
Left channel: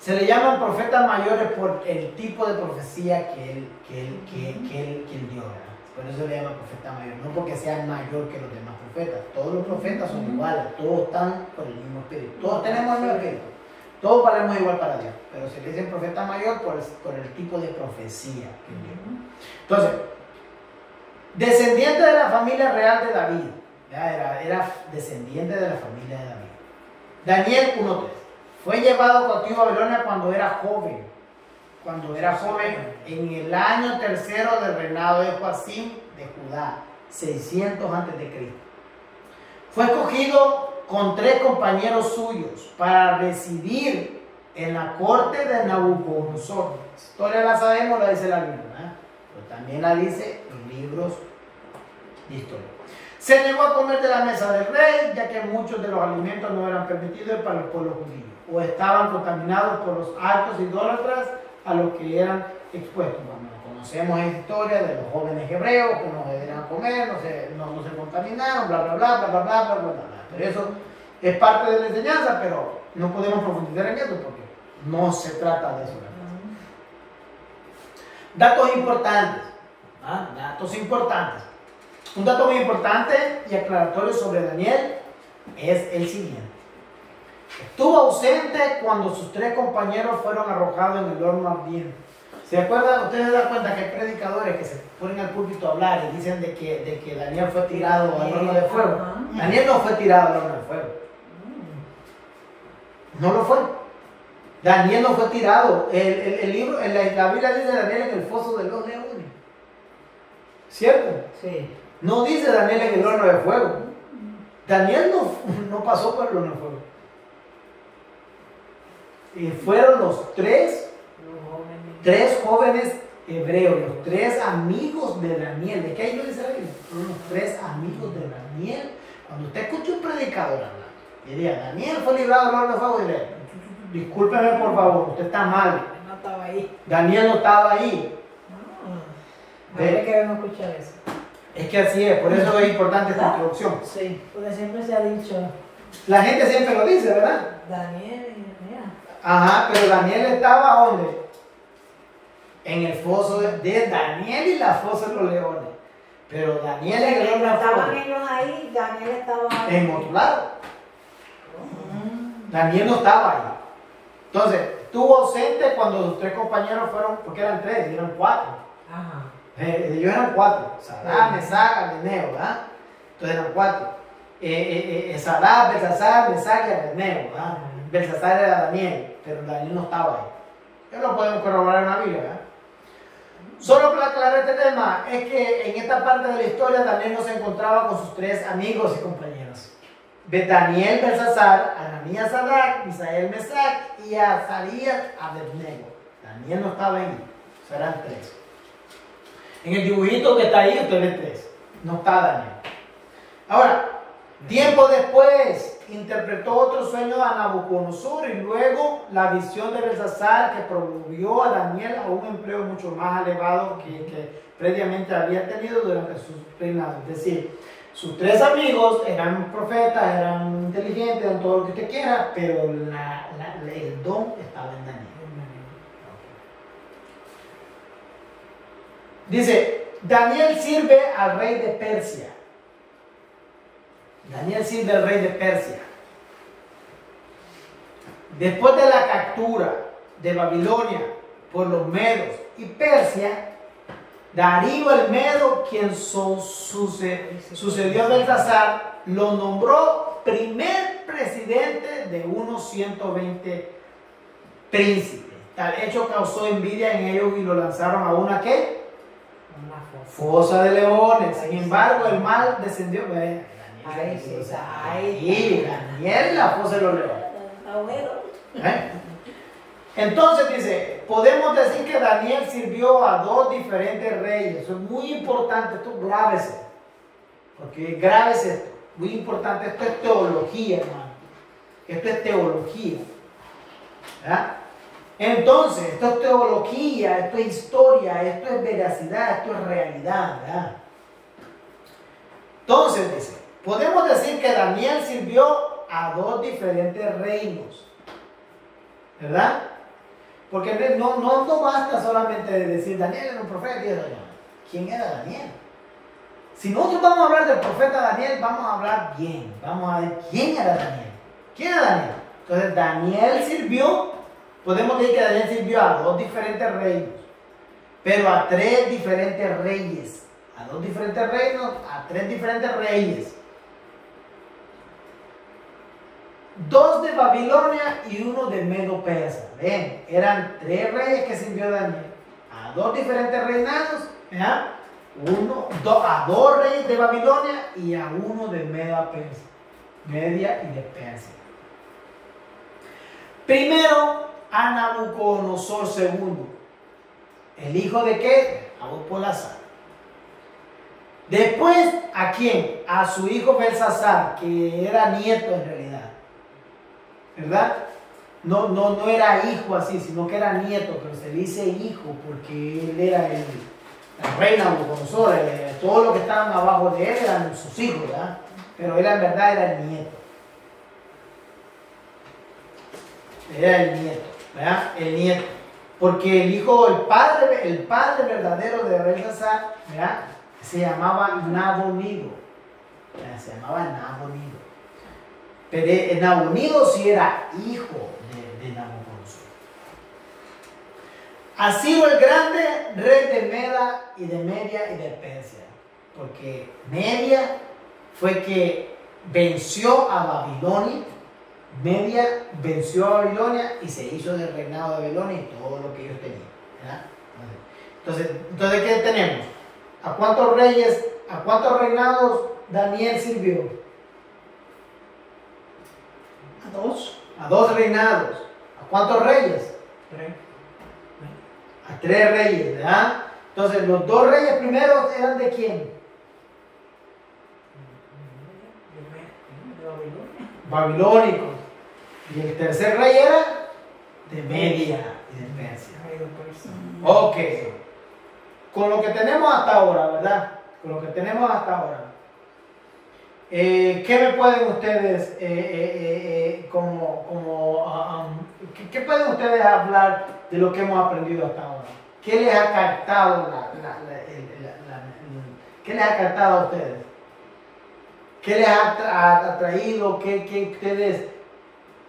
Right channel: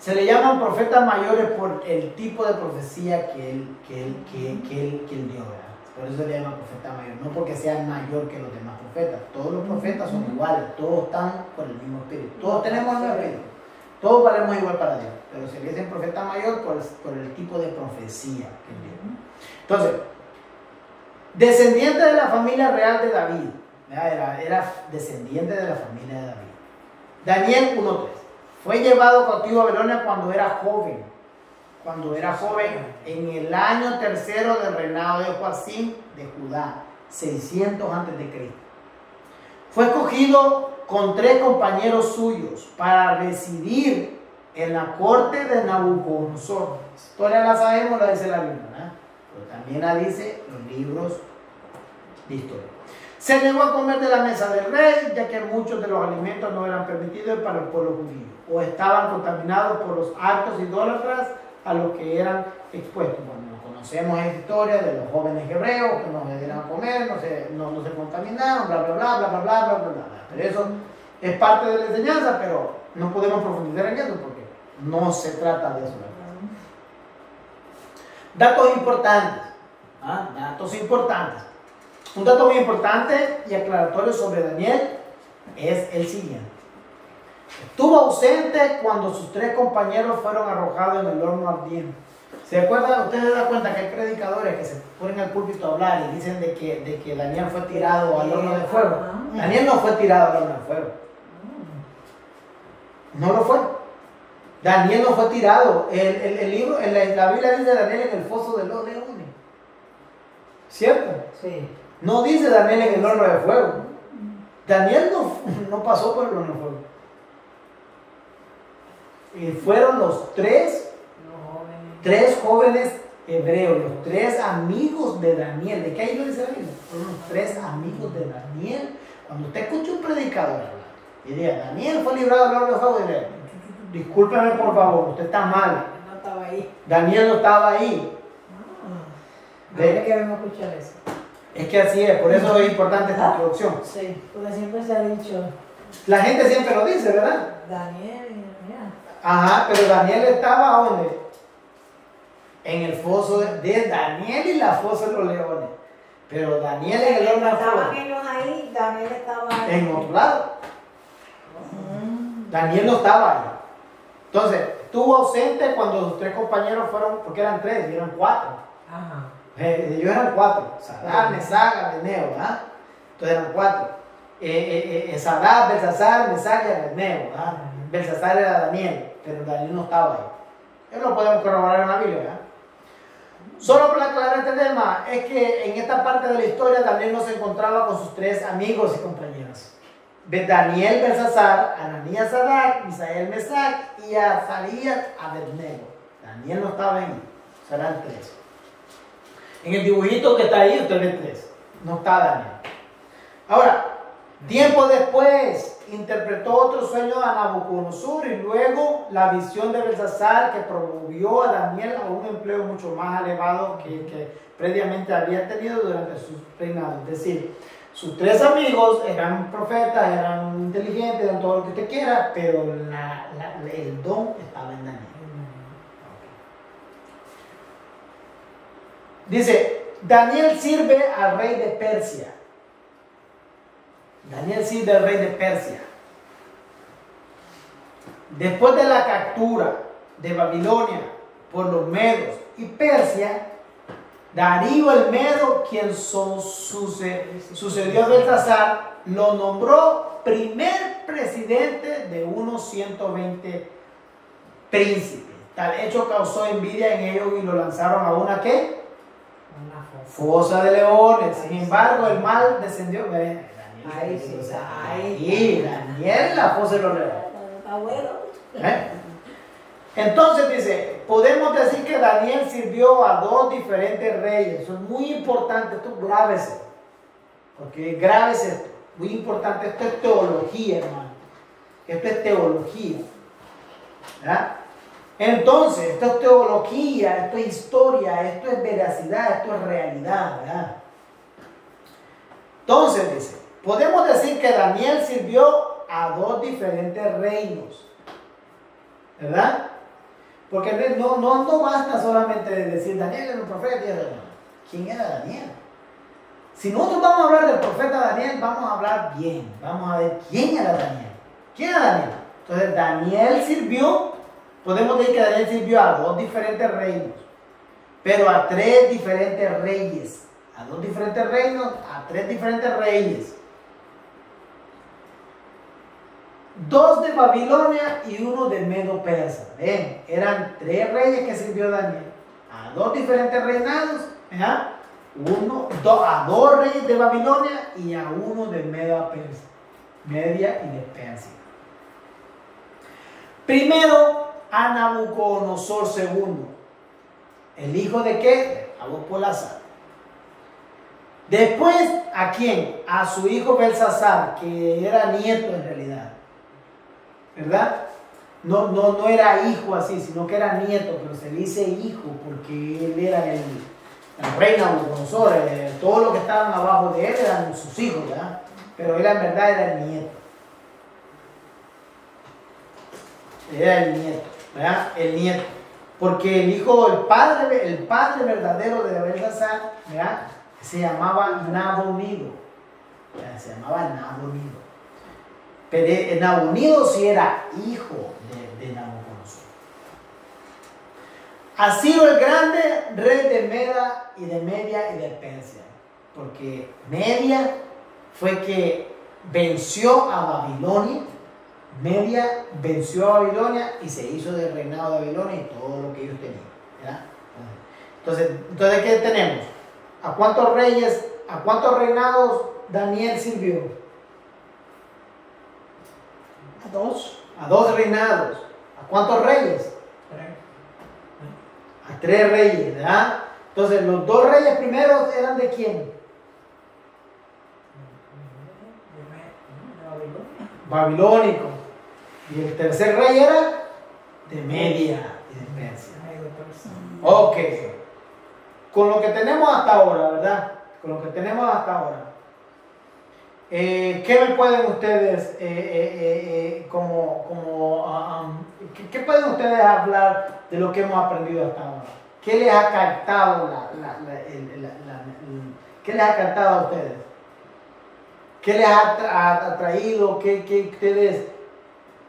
Se le llaman profetas mayores por el tipo de profecía que él dio, ¿verdad? Por eso se le llama profeta mayor, no porque sea mayor que los demás profetas. Todos los profetas son iguales, todos están por el mismo espíritu, todos tenemos el mismo espíritu, todos valemos igual para Dios, pero se le dice profeta mayor por el tipo de profecía que él dio. Entonces, descendiente de la familia real de David, era descendiente de la familia de David. Daniel 1.3. Fue llevado cautivo a Babilonia cuando era joven. Cuando era joven, en el año tercero del reinado de Joacim de Judá, 600 a.C. Fue escogido con 3 compañeros suyos para residir en la corte de Nabucodonosor. La historia la sabemos, la dice la Biblia, ¿verdad? Pero también la dice los libros de historia. Se negó a comer de la mesa del rey, ya que muchos de los alimentos no eran permitidos para el pueblo judío, o estaban contaminados por los actos idólatras a los que eran expuestos. Bueno, conocemos esta historia de los jóvenes hebreos que no se dieron a comer, no se contaminaron, bla, bla, bla, bla, bla, bla, bla, bla, bla. Pero eso es parte de la enseñanza, pero no podemos profundizar en eso porque no se trata de eso. Datos importantes. Datos importantes. Un dato muy importante y aclaratorio sobre Daniel es el siguiente. Estuvo ausente cuando sus 3 compañeros fueron arrojados en el horno ardiente. ¿Se acuerdan? Ustedes se dan cuenta que hay predicadores que se ponen al púlpito a hablar y dicen de que Daniel fue tirado al horno de fuego. Daniel no fue tirado al horno de fuego. No lo fue. Daniel no fue tirado. El libro, la Biblia dice de Daniel en el foso de los leones. ¿Cierto? Sí. No dice Daniel en el horno de fuego. Daniel no pasó por el horno de fuego. Y fueron los 3 jóvenes hebreos, los 3 amigos de Daniel. ¿De qué hay lo dice la Biblia? Fueron los 3 amigos de Daniel. Cuando usted escucha un predicador hablar y diga, Daniel fue librado del horno de fuego, diré, discúlpeme por favor, usted está mal. No estaba ahí. Daniel no estaba ahí. A ver que vamos a escuchar eso. Es que así es, por eso es importante esta introducción. Sí, porque siempre se ha dicho. La gente siempre lo dice, ¿verdad? Daniel, mira. Ajá, pero Daniel estaba ¿dónde? En el foso de Daniel y la fosa de los leones. Pero Daniel en el horno de fuego. Estaban ellos ahí, Daniel estaba ahí. En otro lado. Daniel no estaba ahí. Entonces, estuvo ausente cuando los 3 compañeros fueron, porque eran 3, eran 4. Ajá. Ellos eran 4. Sadrach, Mesach, Abednego, ¿verdad? Entonces eran 4. Sadrach, Belsasar, Mesach y Abednego, ¿verdad? Belsasar era Daniel, pero Daniel no estaba ahí. Eso lo podemos corroborar en la Biblia, ¿verdad? Solo para aclarar este tema, es que en esta parte de la historia Daniel no se encontraba con sus 3 amigos y compañeros. Daniel, Belsasar, Ananías, Sadrach, Misael, Mesach y Azarías, Abednego. Daniel no estaba en él, serán 3. En el dibujito que está ahí, usted ve 3. No está Daniel. Ahora, tiempo después, interpretó otro sueño a Nabucodonosor y luego la visión de Belsasar que promovió a Daniel a un empleo mucho más elevado que previamente habían tenido durante su reinado. Es decir, sus 3 amigos eran profetas, eran inteligentes, eran todo lo que usted quiera, pero el don estaba en Daniel. Dice, Daniel sirve al rey de Persia. Daniel sirve al rey de Persia. Después de la captura de Babilonia por los medos y Persia, Darío el Medo, quien sucedió a Belsasar, lo nombró primer presidente de unos 120 príncipes. Tal hecho causó envidia en ellos y lo lanzaron a una ¿qué? Una Fosa de leones. Sin embargo, el mal descendió. Ahí sí, Y Daniel la fosa de los leones. Está bueno. Entonces dice, podemos decir que Daniel sirvió a 2 diferentes reyes. Eso es muy importante, esto grábese. Porque grábese esto. Muy importante, esto es teología, hermano. Esto es teología. ¿Verdad? Entonces, esto es teología, esto es historia, esto es veracidad, esto es realidad, ¿verdad? Entonces dice, podemos decir que Daniel sirvió a 2 diferentes reinos, ¿verdad? Porque no basta solamente decir Daniel era un profeta y eso. ¿Quién era Daniel? Si nosotros vamos a hablar del profeta Daniel, vamos a hablar bien, vamos a ver quién era Daniel. ¿Quién era Daniel? Entonces Daniel sirvió. Podemos decir que Daniel sirvió a 2 diferentes reinos, pero a 3 diferentes reyes. A 2 diferentes reinos, a 3 diferentes reyes. 2 de Babilonia y 1 de Medo Persa. Ven, eran 3 reyes que sirvió Daniel a 2 diferentes reinados, ¿ya? A 2 reyes de Babilonia y a 1 de Media y de Persia. Primero a Nabucodonosor II, el hijo de qué? De Nabopolassar. Después, ¿a quién? A su hijo Belsasar, que era nieto en realidad, ¿verdad? No era hijo así, sino que era nieto, pero se le dice hijo porque él era el rey Nabucodonosor. Todo lo que estaban abajo de él eran sus hijos, ¿verdad? Pero él en verdad era el nieto. Era el nieto, ¿verdad? El nieto. Porque el hijo, el padre verdadero de Belsasar, ¿verdad? Se llamaba Nabonido. Se llamaba Nabonido. Pero Nabonido sí era hijo de Nabucodonosor. A Ciro el Grande, rey de Media y de Persia. Porque Media fue que venció a Babilonia. Media venció a Babilonia y se hizo del reinado de Babilonia y todo lo que ellos tenían, ¿verdad? Entonces ¿qué tenemos? ¿A cuántos reinados Daniel sirvió? A 2. A 2 reinados. ¿A cuántos reyes? 3. A 3 reyes, ¿verdad? Entonces, los 2 reyes primeros eran de quién? De Babilonia. Babilónicos. Y el tercer rey era de Media y de Persia. Ok. Con lo que tenemos hasta ahora, ¿verdad? Con lo que tenemos hasta ahora. ¿Qué me pueden ustedes, qué pueden ustedes hablar de lo que hemos aprendido hasta ahora? ¿Qué les ha captado qué les ha captado a ustedes? ¿Qué les ha atraído? ¿Qué ustedes,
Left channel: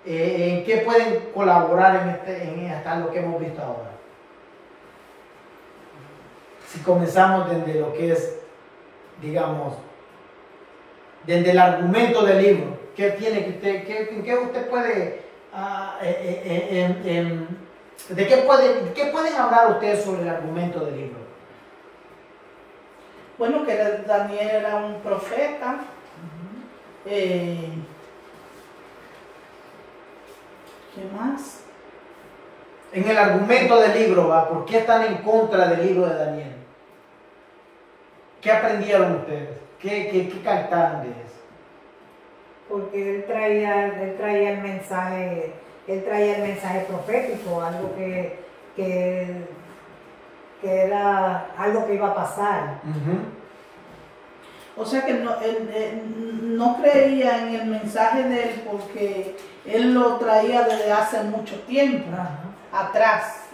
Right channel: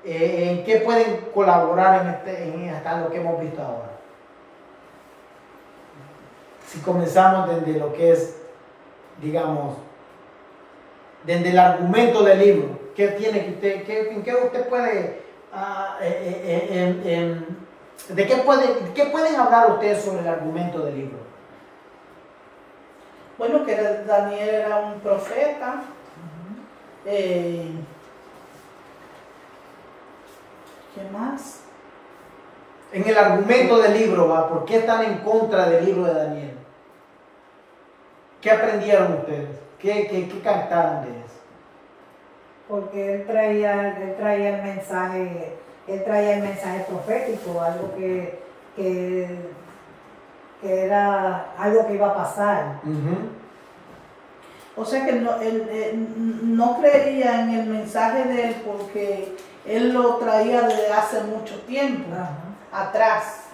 en qué pueden colaborar en hasta lo que hemos visto ahora? Si comenzamos desde lo que es, digamos, desde el argumento del libro, ¿qué tiene que usted, qué usted puede, de qué pueden hablar ustedes sobre el argumento del libro? Bueno, que Daniel era un profeta. ¿Qué más? En el argumento del libro, ¿va? ¿Por qué están en contra del libro de Daniel? ¿Qué aprendieron ustedes? ¿Qué captaron de eso? Porque él traía el mensaje profético, algo que era algo que iba a pasar. O sea que él no creía en el mensaje de él porque él lo traía desde hace mucho tiempo atrás.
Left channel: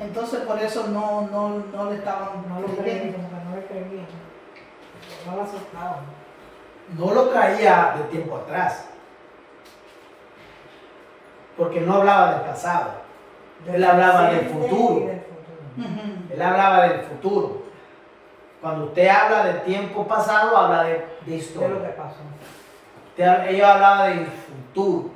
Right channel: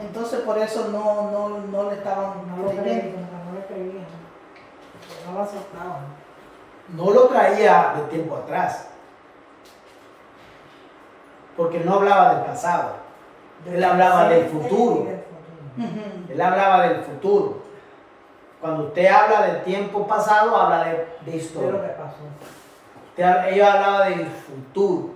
Entonces por eso no le estaban creyendo. No le creían, no lo aceptaban. No lo traía de tiempo atrás, porque no hablaba del pasado, él hablaba del futuro. Él hablaba del futuro. Cuando usted habla del tiempo pasado, habla de historia. De lo que pasó. Ellos hablaban del futuro.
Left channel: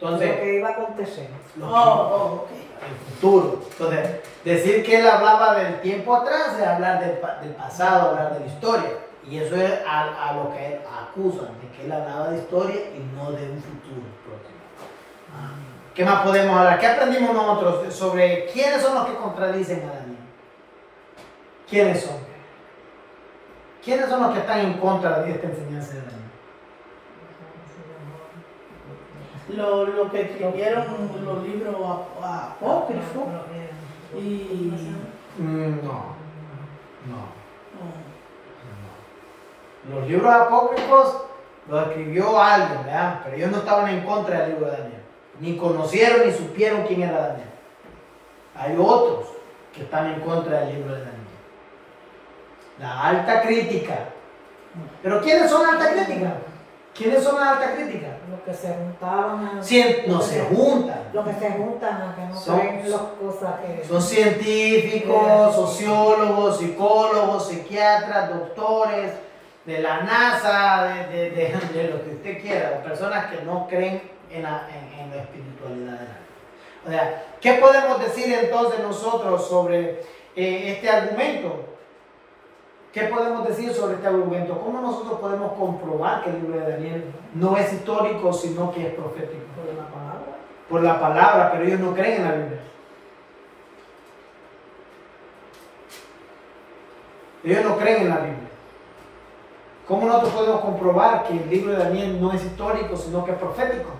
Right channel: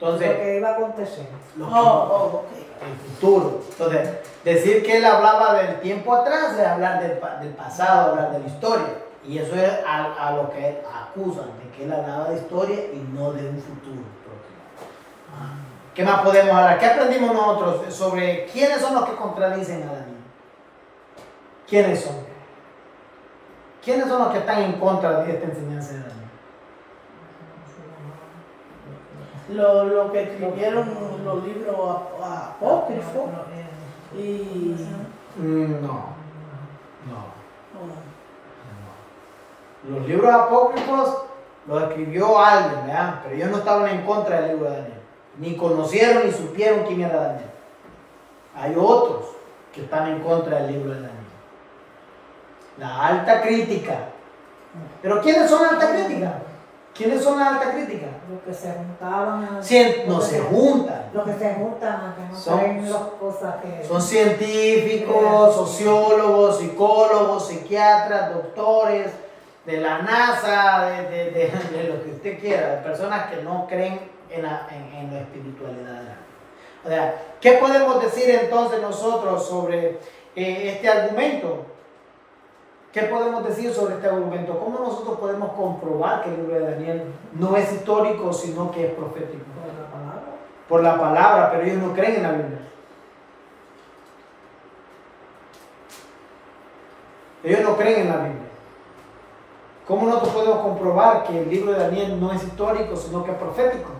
Entonces, lo que iba a acontecer. El futuro. Entonces, decir que él hablaba del tiempo atrás es hablar del pasado, hablar de la historia. Y eso es a lo que acusan, de que él hablaba de historia y no de un futuro próximo. ¿Qué más podemos hablar? ¿Qué aprendimos nosotros sobre quiénes son los que contradicen a Daniel? ¿Quiénes son? ¿Quiénes son los que están en contra de esta enseñanza de Daniel? Lo que escribieron los libros apócrifos y No. Los libros apócrifos los escribió alguien, ¿verdad? Pero ellos no estaban en contra del libro de Daniel. Ni conocieron ni supieron quién era Daniel. Hay otros que están en contra del libro de Daniel. La alta crítica. ¿Pero quiénes son la alta crítica? ¿Quiénes son la alta crítica? Los que se juntaban. No se juntan. Los que se juntan a que no creen las cosas que. Son científicos, sociólogos, psicólogos, psiquiatras, doctores, de la NASA, de lo que usted quiera. Personas que no creen en la espiritualidad. O sea, ¿qué podemos decir entonces nosotros sobre este argumento? ¿Qué podemos decir sobre este argumento? ¿Cómo nosotros podemos comprobar que el libro de Daniel no es histórico, sino que es profético? Por la palabra. Por la palabra, pero ellos no creen en la Biblia. Ellos no creen en la Biblia. ¿Cómo nosotros podemos comprobar que el libro de Daniel no es histórico, sino que es profético?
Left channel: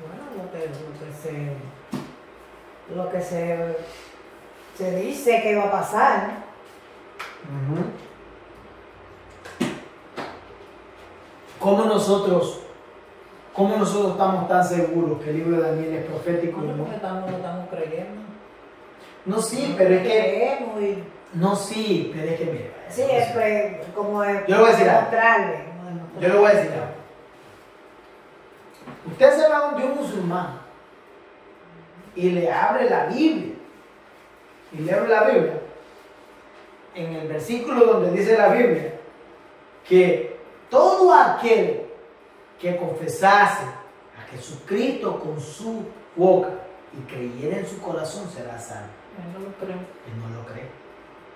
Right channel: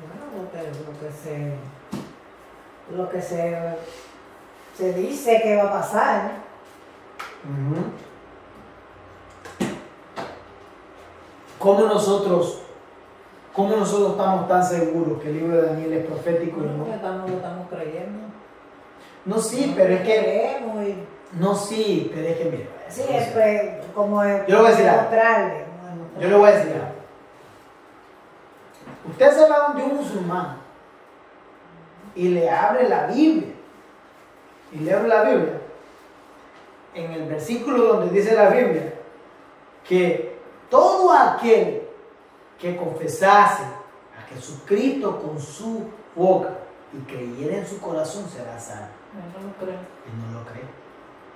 Bueno, lo que se dice que va a pasar. Ujú. ¿Cómo nosotros estamos tan seguros que el libro de Daniel es profético y Bueno, no? porque lo estamos creyendo. No, sí, pero es que... Creemos y... No, sí, pero es que mira. Sí, es como es Yo le voy a decir algo. mostrarle. Yo le voy a decir algo. Usted se va donde un musulmán y le abre la Biblia. Y le abre la Biblia. En el versículo donde dice la Biblia que todo aquel que confesase a Jesucristo con su boca y creyera en su corazón será salvo. No lo creo. Y no lo cree.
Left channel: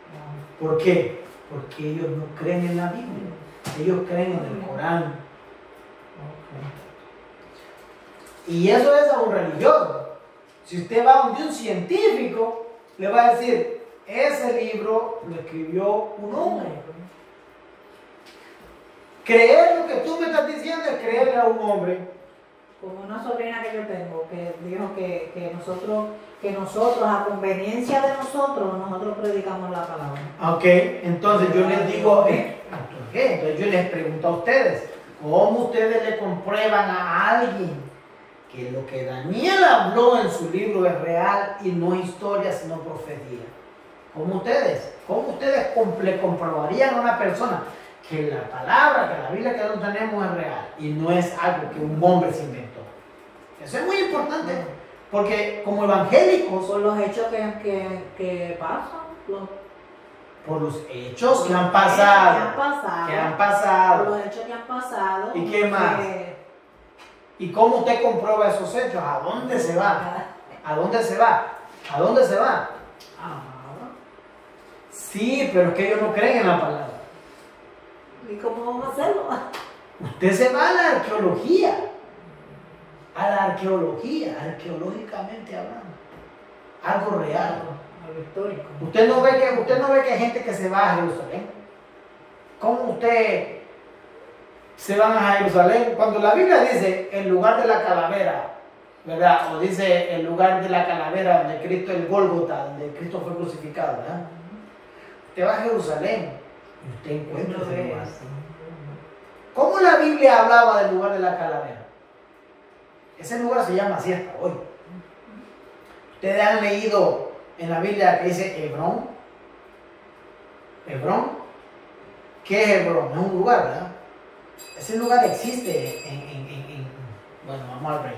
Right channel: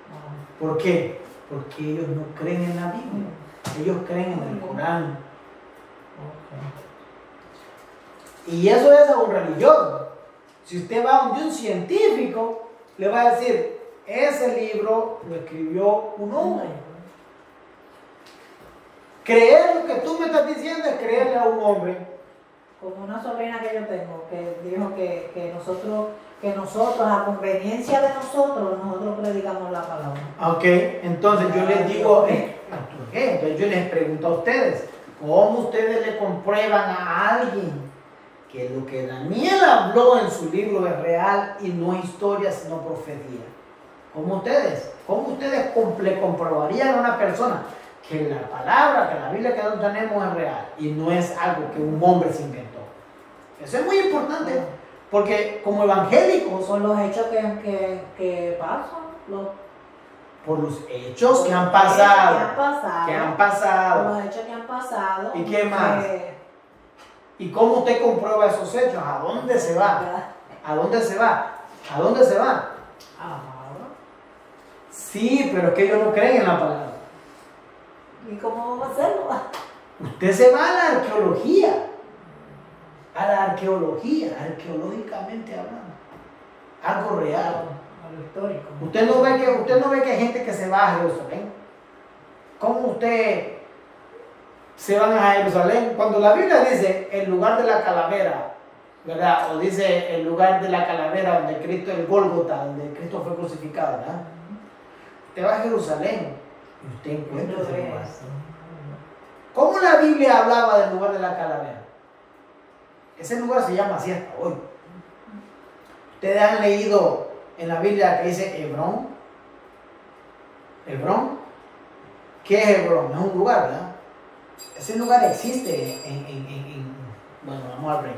No. ¿Por qué? Porque ellos no creen en la Biblia. Ellos creen en el Corán. Y eso es a un religioso. Si usted va donde un científico, le va a decir, ese libro lo escribió un hombre. Creer lo que tú me estás diciendo es creerle a un hombre. Como una sobrina que yo tengo, que dijo que nosotros, a conveniencia de nosotros predicamos la palabra. Ok, entonces yo les digo, ¿por qué? Entonces yo les pregunto a ustedes, ¿cómo ustedes le comprueban a alguien que lo que Daniel habló en su libro es real y no historia sino profecía? ¿Cómo ustedes le comprobarían a una persona que la palabra, que la Biblia que nosotros tenemos es real y no es algo que un hombre se inventó? Eso es muy importante, porque como evangélicos, Por los hechos que pasan, por los hechos que han por los pasado, hechos que han pasado. ¿Y qué más? ¿Y cómo usted comprueba esos hechos? ¿A dónde se va? ¿A dónde se va? ¿A dónde se va? Sí, pero es que ellos no creen en la palabra. ¿Y cómo vamos a hacerlo? Usted se va a la arqueología. A la arqueología, arqueológicamente hablando. Algo real. Algo histórico. Usted no ve que hay gente que se va a Jerusalén. ¿Cómo usted se van a Jerusalén? Cuando la Biblia dice el lugar de la calavera, ¿verdad? O dice el lugar de la calavera donde Cristo, el Gólgota, donde Cristo fue crucificado, ¿verdad? Usted va a Jerusalén y usted encuentra ese lugar. ¿Cómo la Biblia hablaba del lugar de la calavera? Ese lugar se llama así hasta hoy. Ustedes han leído en la Biblia que dice Hebrón. ¿Hebrón? ¿Qué es Hebrón? Es un lugar, ¿verdad? Ese lugar existe bueno, vamos al rey.